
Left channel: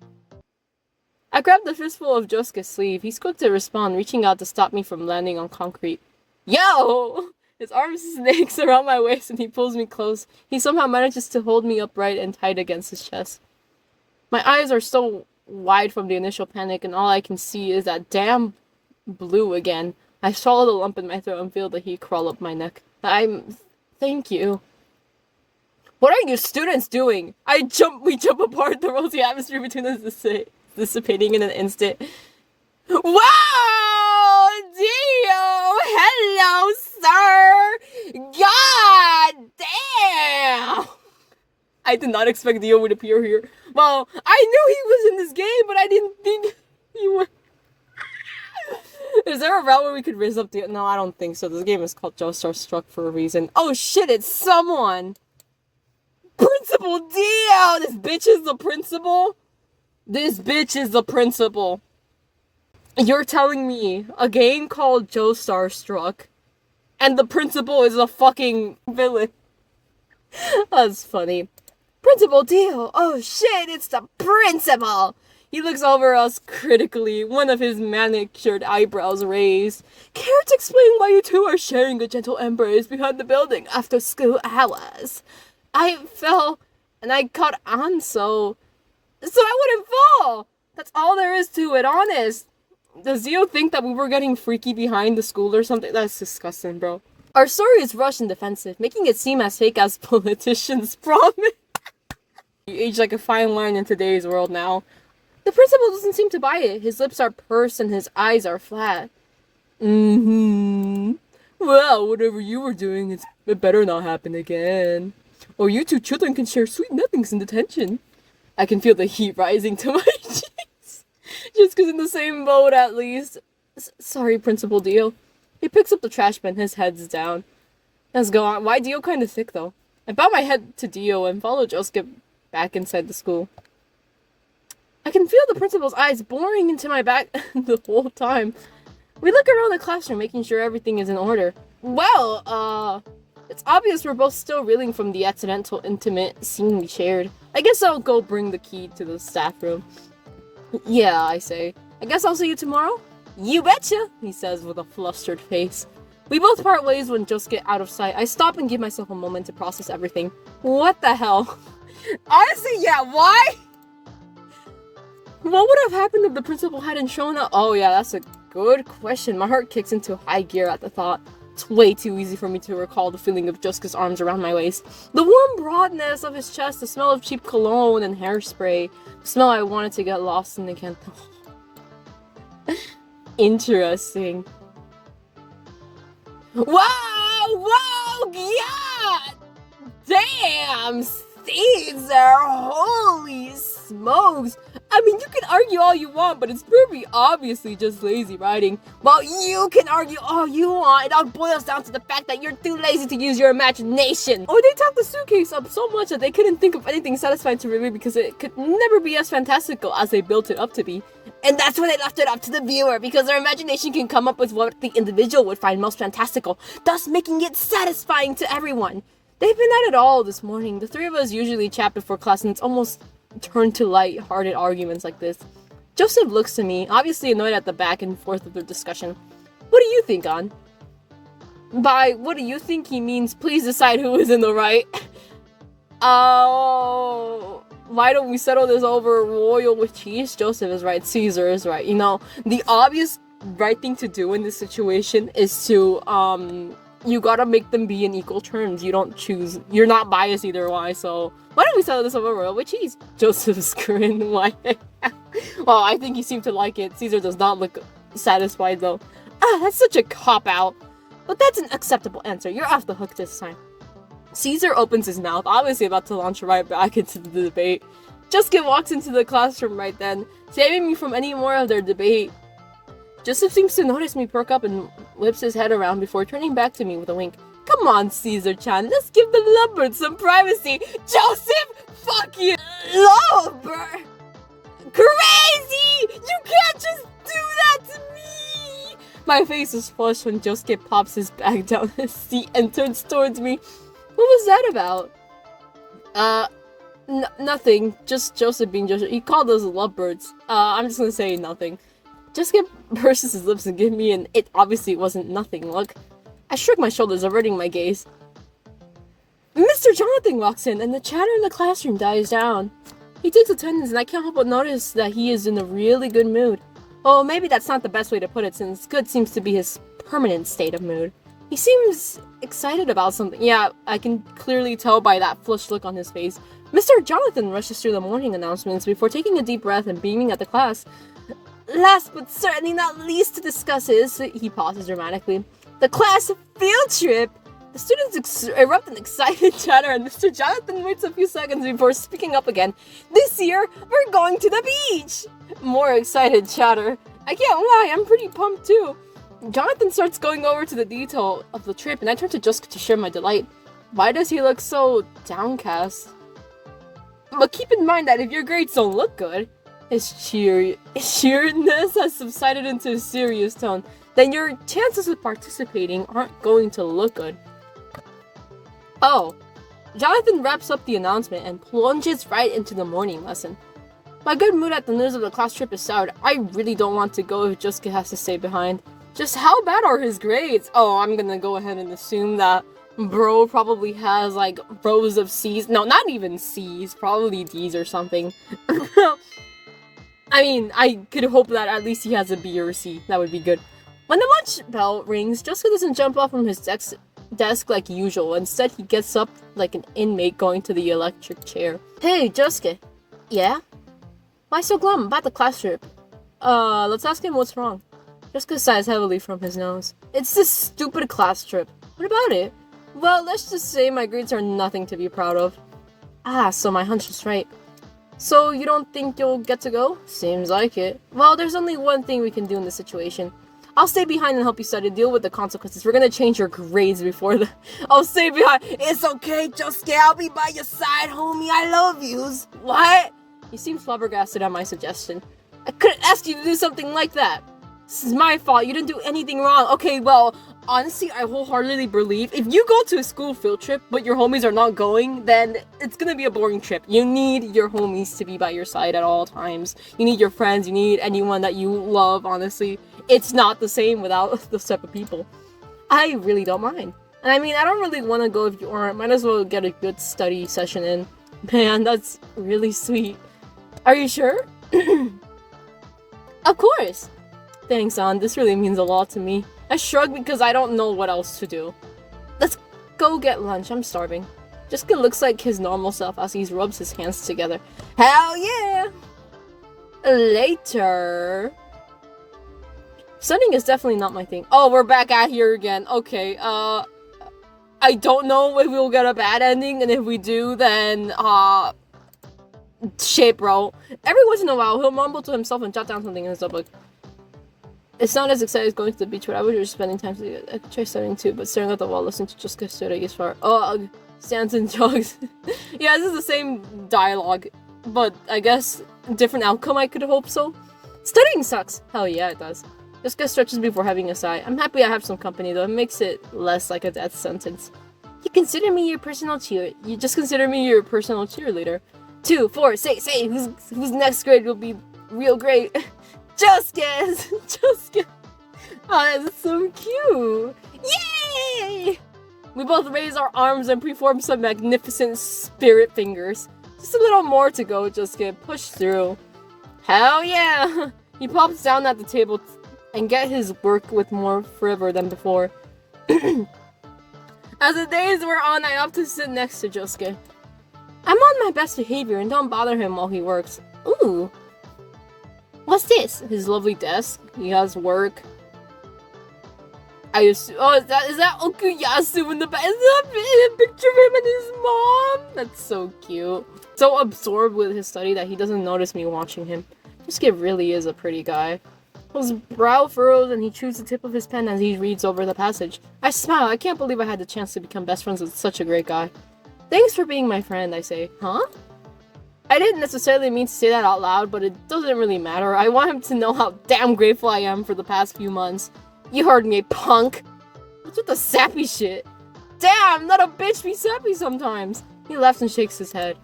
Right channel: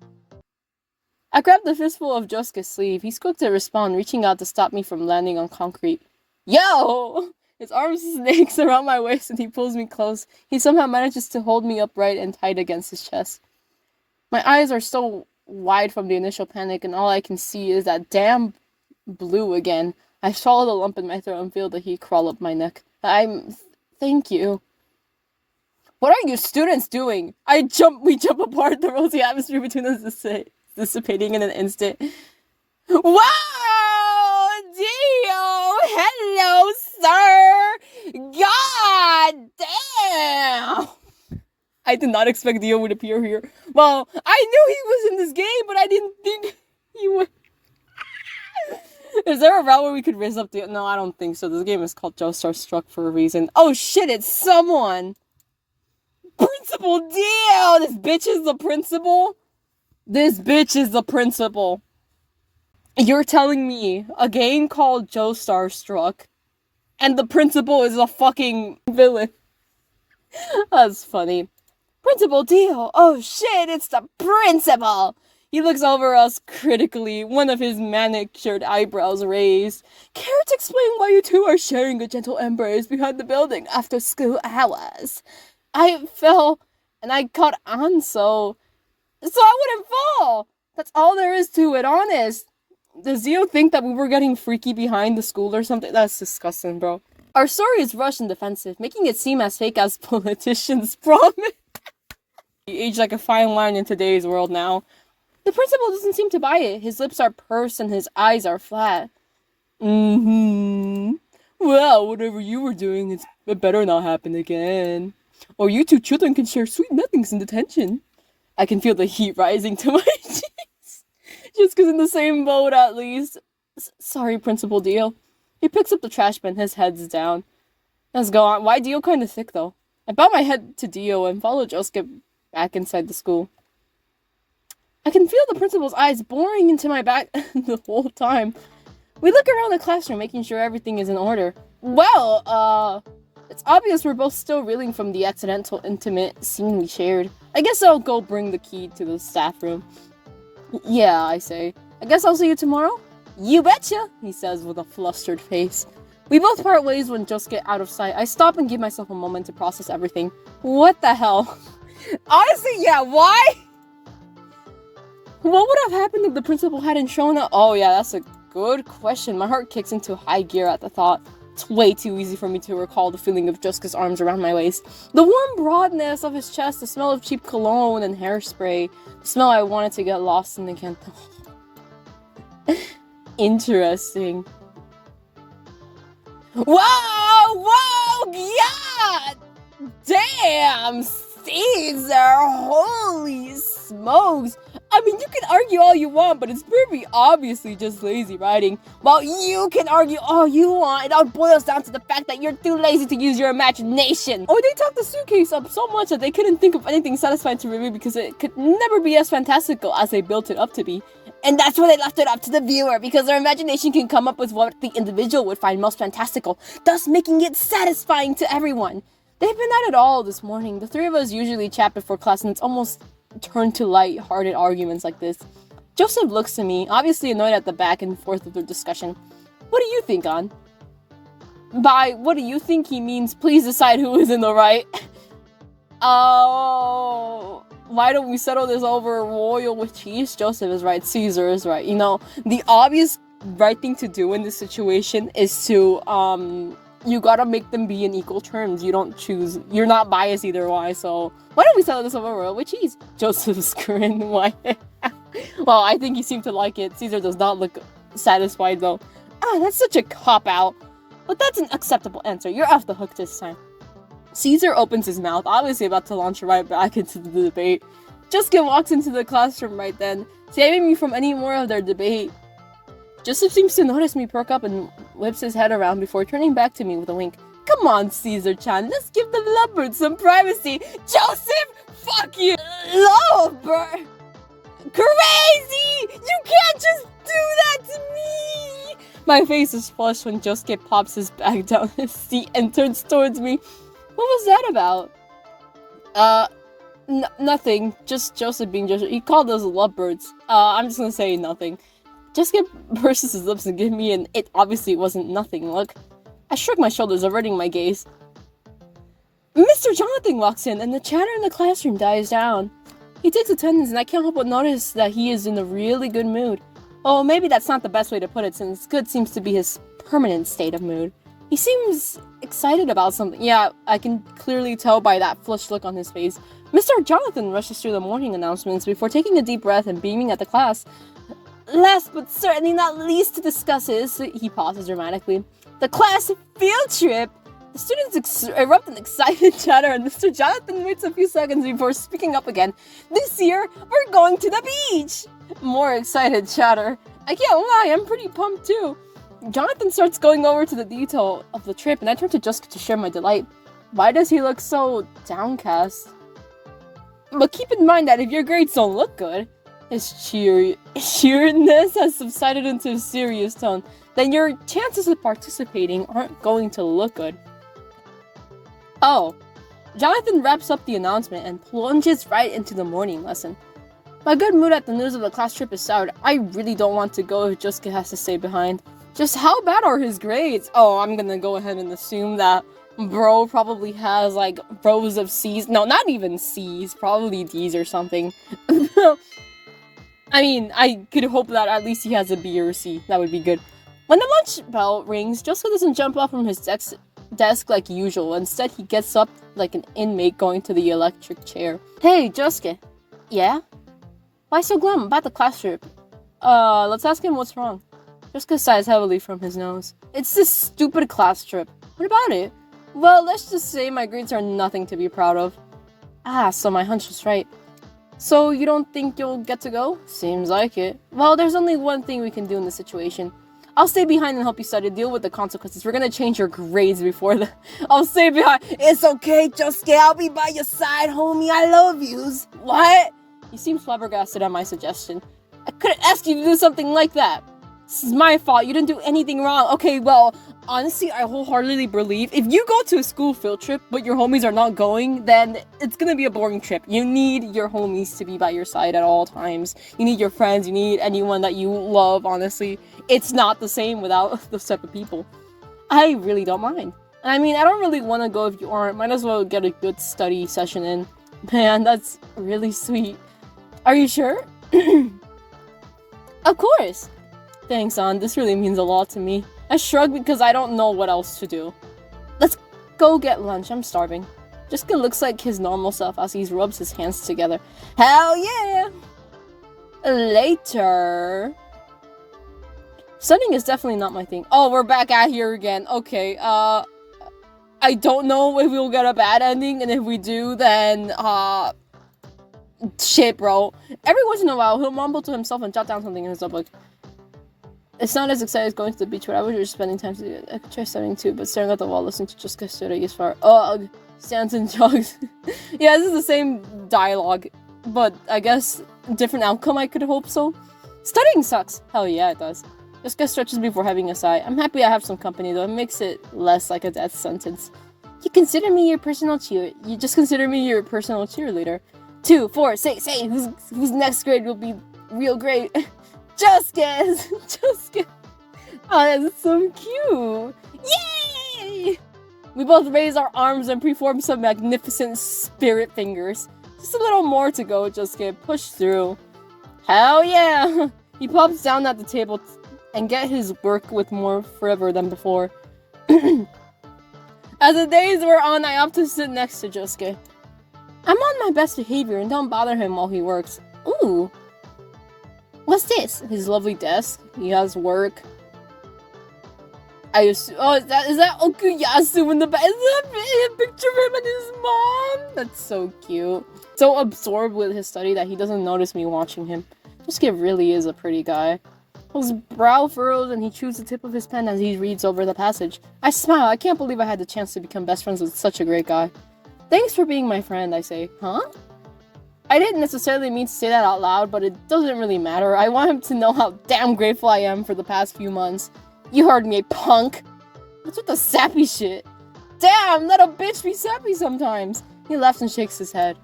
I grab the fistful of Josuke's sleeve. He's quick to respond, reaching out to stop me from landing on concrete. Yo! His arm snakes around my waist and he pulls me close. He somehow manages to hold me upright and tight against his chest. My eyes are so wide from the initial panic and all I can see is that damn blue again. I swallow the lump in my throat and feel the heat crawl up my neck. Thank you. What are you students doing? We jump apart, the rosy atmosphere between us dissipating in an instant. Wow! Dio! Hello, sir! God damn! I did not expect Dio would appear here. Well, I knew he was in this game, but I didn't think he would. Is there a route where we could raise up Dio? No, I don't think so. This game is called Joestar Struck for a reason. Oh shit, it's someone! Principal Dio! This bitch is the principal? This bitch is the principal. You're telling me a game called Joestar Struck and the principal is a fucking villain? That's funny. Principal Dio! Oh shit, it's the principal! He looks over us critically, one of his manicured eyebrows raised. Care to explain why you two are sharing a gentle embrace behind the building after school hours? I fell and I caught on so I wouldn't fall! That's all there is to it, honest. Does Dio think that we were getting freaky behind the school or something? That's disgusting, bro. Our story is rushed and defensive, making it seem as fake as politicians promise. You age like a fine line in today's world now. The principal doesn't seem to buy it. His lips are pursed and his eyes are flat. Well, whatever you were doing, it better not happen again. Or you two children can share sweet nothings in detention. I can feel the heat rising to my cheeks. Just because in the same boat, at least. Sorry, Principal Dio. He picks up the trash bin, his head's down. Let's go on. Why Dio kind of thick, though? I bow my head to Dio and follow Josuke back inside the school. I can feel the principal's eyes boring into my back the whole time. We look around the classroom, making sure everything is in order. Well, it's obvious we're both still reeling from the accidental intimate scene we shared. I guess I'll go bring the key to the staff room. Yeah, I say. I guess I'll see you tomorrow? You betcha, he says with a flustered face. We both part ways when Josuke get out of sight. I stop and give myself a moment to process everything. What the hell? Honestly, yeah, why? What would have happened if the principal hadn't shown up? Oh yeah, that's a good question. My heart kicks into high gear at the thought. It's way too easy for me to recall the feeling of Josuke's arms around my waist. The warm broadness of his chest, the smell of cheap cologne and hairspray. The smell I wanted to get lost in again. Interesting. Whoa, yeah! Damn, Caesar, holy smokes. I mean, you can argue all you want, but it's pretty obviously just lazy writing. Well, you can argue all you want. It all boils down to the fact that you're too lazy to use your imagination. Oh, they tacked the suitcase up so much that they couldn't think of anything satisfying to review because it could never be as fantastical as they built it up to be. And that's where they left it up to the viewer, because their imagination can come up with what the individual would find most fantastical, thus making it satisfying to everyone. They've been at it all this morning. The three of us usually chat before class, and it's almost turned to light-hearted arguments like this. Joseph looks to me, obviously annoyed at the back and forth of their discussion. What do you think, An? By what do you think he means, please decide who is in the right. Oh, why don't we settle this over royal with cheese? Joseph is right, Caesar is right. You know, the obvious right thing to do in this situation is to, you gotta make them be in equal terms. You don't choose, you're not biased either way, so why don't we settle this over royal with cheese? Joseph's grin, why? Well, I think he seemed to like it. Caesar does not look satisfied though. That's such a cop-out. But that's an acceptable answer. You're off the hook this time. Caesar opens his mouth, obviously about to launch right back into the debate. Josuke walks into the classroom right then, saving me from any more of their debate. Joseph seems to notice me perk up and whips his head around before turning back to me with a wink. Come on, Caesar-chan, let's give the lovebird some privacy. Joseph, fuck you! Lovebird! Crazy! You can't just do that to me! My face is flushed when Josuke pops his bag down his seat and turns towards me. What was that about? Nothing. Just Joseph being Joseph. He called us lovebirds. I'm just gonna say nothing. Josuke purses his lips and give me an it obviously wasn't nothing look. I shrug my shoulders, averting my gaze. Mr. Jonathan walks in and the chatter in the classroom dies down. He takes attendance and I can't help but notice that he is in a really good mood. Oh, maybe that's not the best way to put it, since good seems to be his permanent state of mood. He seems excited about something. Yeah, I can clearly tell by that flushed look on his face. Mr. Jonathan rushes through the morning announcements before taking a deep breath and beaming at the class. Last but certainly not least to discuss is, he pauses dramatically, the class field trip. The students erupt in excited chatter and Mr. Jonathan waits a few seconds before speaking up again. This year, we're going to the beach! More excited chatter. I can't lie, I'm pretty pumped too. Jonathan starts going over to the detail of the trip and I turn to Jessica to share my delight. Why does he look so downcast? But keep in mind that if your grades don't look good, his cheeriness has subsided into a serious tone, then your chances of participating aren't going to look good. Oh, Jonathan wraps up the announcement and plunges right into the morning lesson. My good mood at the news of the class trip is soured. I really don't want to go if Jessica has to stay behind. Just how bad are his grades? Oh, I'm gonna go ahead and assume that bro probably has like rows of C's. No, not even C's, probably D's or something. I mean, I could hope that at least he has a B or a C. That would be good. When the lunch bell rings, Jessica doesn't jump up from his desk like usual. Instead, he gets up like an inmate going to the electric chair. Hey, Jessica. Yeah? Why so glum about the class trip? Let's ask him what's wrong. Jessica sighs heavily from his nose. It's this stupid class trip. What about it? Well, let's just say my grades are nothing to be proud of. Ah, so my hunch was right. So you don't think you'll get to go? Seems like it. Well, there's only one thing we can do in this situation. I'll stay behind and help you study, deal with the consequences. We're gonna change your grades before the... I'll stay behind. It's okay, Josuke. I'll be by your side, homie. I love yous. What? He seems flabbergasted at my suggestion. I couldn't ask you to do something like that. This is my fault. You didn't do anything wrong. Okay, well, honestly, I wholeheartedly believe if you go to a school field trip, but your homies are not going, then it's gonna be a boring trip. You need your homies to be by your side at all times. You need your friends. You need anyone that you love, honestly. It's not the same without those type of people. I really don't mind. And I mean, I don't really want to go if you aren't. Might as well get a good study session in. Man, that's really sweet. Are you sure? Of course. Thanks, An. This really means a lot to me. I shrug because I don't know what else to do. Let's go get lunch. I'm starving. Jessica looks like his normal self as he rubs his hands together. Hell yeah! Later. Studying is definitely not my thing. Oh, we're back out here again. Okay, I don't know if we'll get a bad ending, and if we do, then, shit, bro. Every once in a while, he'll mumble to himself and jot down something in his notebook. It's not as exciting as going to the beach, but I wish we were spending time together. I could try studying too, but staring at the wall, listening to just get study as far. Ugh, stands and jogs. Yeah, this is the same dialogue, but I guess different outcome, I could hope so. Studying sucks. Hell yeah, it does. Yosuke stretches before having a sigh. I'm happy I have some company though. It makes it less like a death sentence. You consider me your personal You just consider me your personal cheerleader. 2, 4, say, whose next grade will be real great? Josuke! Josuke! Oh, that's so cute! Yay! We both raise our arms and perform some magnificent spirit fingers. Just a little more to go, Josuke. Push through. Hell yeah! He pops down at the table and get his work with more fervor than before. As the days wear on, I opt to sit next to Josuke. I'm on my best behavior and don't bother him while he works. Ooh. What's this? His lovely desk. He has work. I assume. Oh, is that Okuyasu in the back? Is that a picture of him and his mom? That's so cute. So absorbed with his study that he doesn't notice me watching him. This kid really is a pretty guy. His brow furrows and he chews the tip of his pen as he reads over the passage. I smile. I can't believe I had the chance to become best friends with such a great guy. Thanks for being my friend, I say. Huh? I didn't necessarily mean to say that out loud, but it doesn't really matter. I want him to know how damn grateful I am for the past few months. You heard me, punk. What's with the sappy shit? Damn, let a bitch be sappy sometimes. He laughs and shakes his head.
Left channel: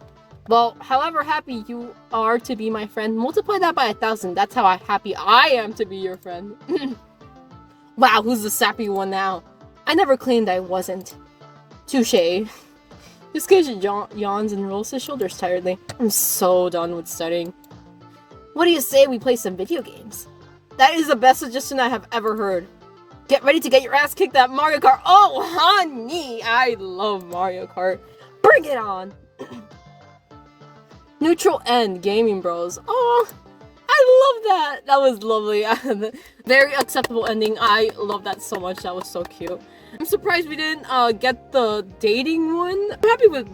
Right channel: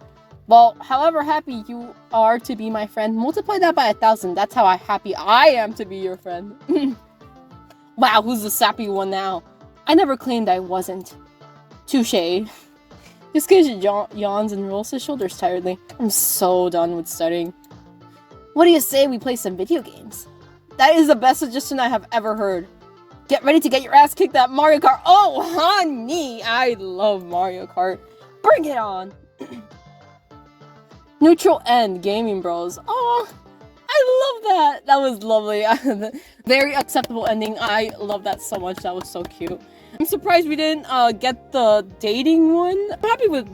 Well, however happy you are to be my friend, multiply that by 1,000. That's how happy I am to be your friend. Wow, who's the sappy one now? I never claimed I wasn't. Touché. This kid yawns and rolls his shoulders tiredly. I'm so done with studying. What do you say we play some video games? That is the best suggestion I have ever heard. Get ready to get your ass kicked at Mario Kart. Oh, honey, I love Mario Kart. Bring it on. Neutral end, Gaming Bros. Oh, I love that. That was lovely. Very acceptable ending. I love that so much. That was so cute. I'm surprised we didn't get the dating one. I'm happy with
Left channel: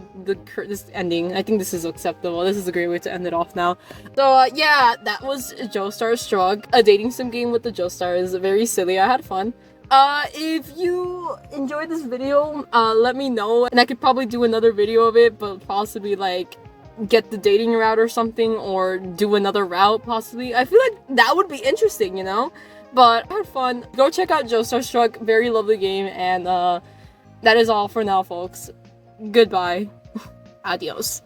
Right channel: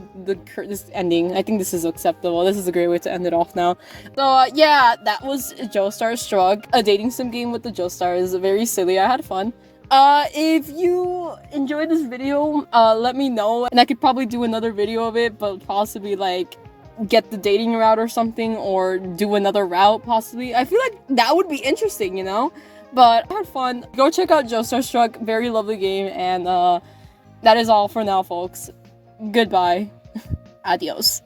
this ending. I think this is acceptable. This is a great way to end it off now. So yeah, that was Joestar Struck, a dating sim game with the Joestars. Very silly. I had fun. If you enjoyed this video, let me know, and I could probably do another video of it, but possibly like get the dating route or something, or do another route possibly. I feel like that would be interesting, you know? But I had fun. Go check out Joestar Struck. Very lovely game. And that is all for now, folks. Goodbye. Adios.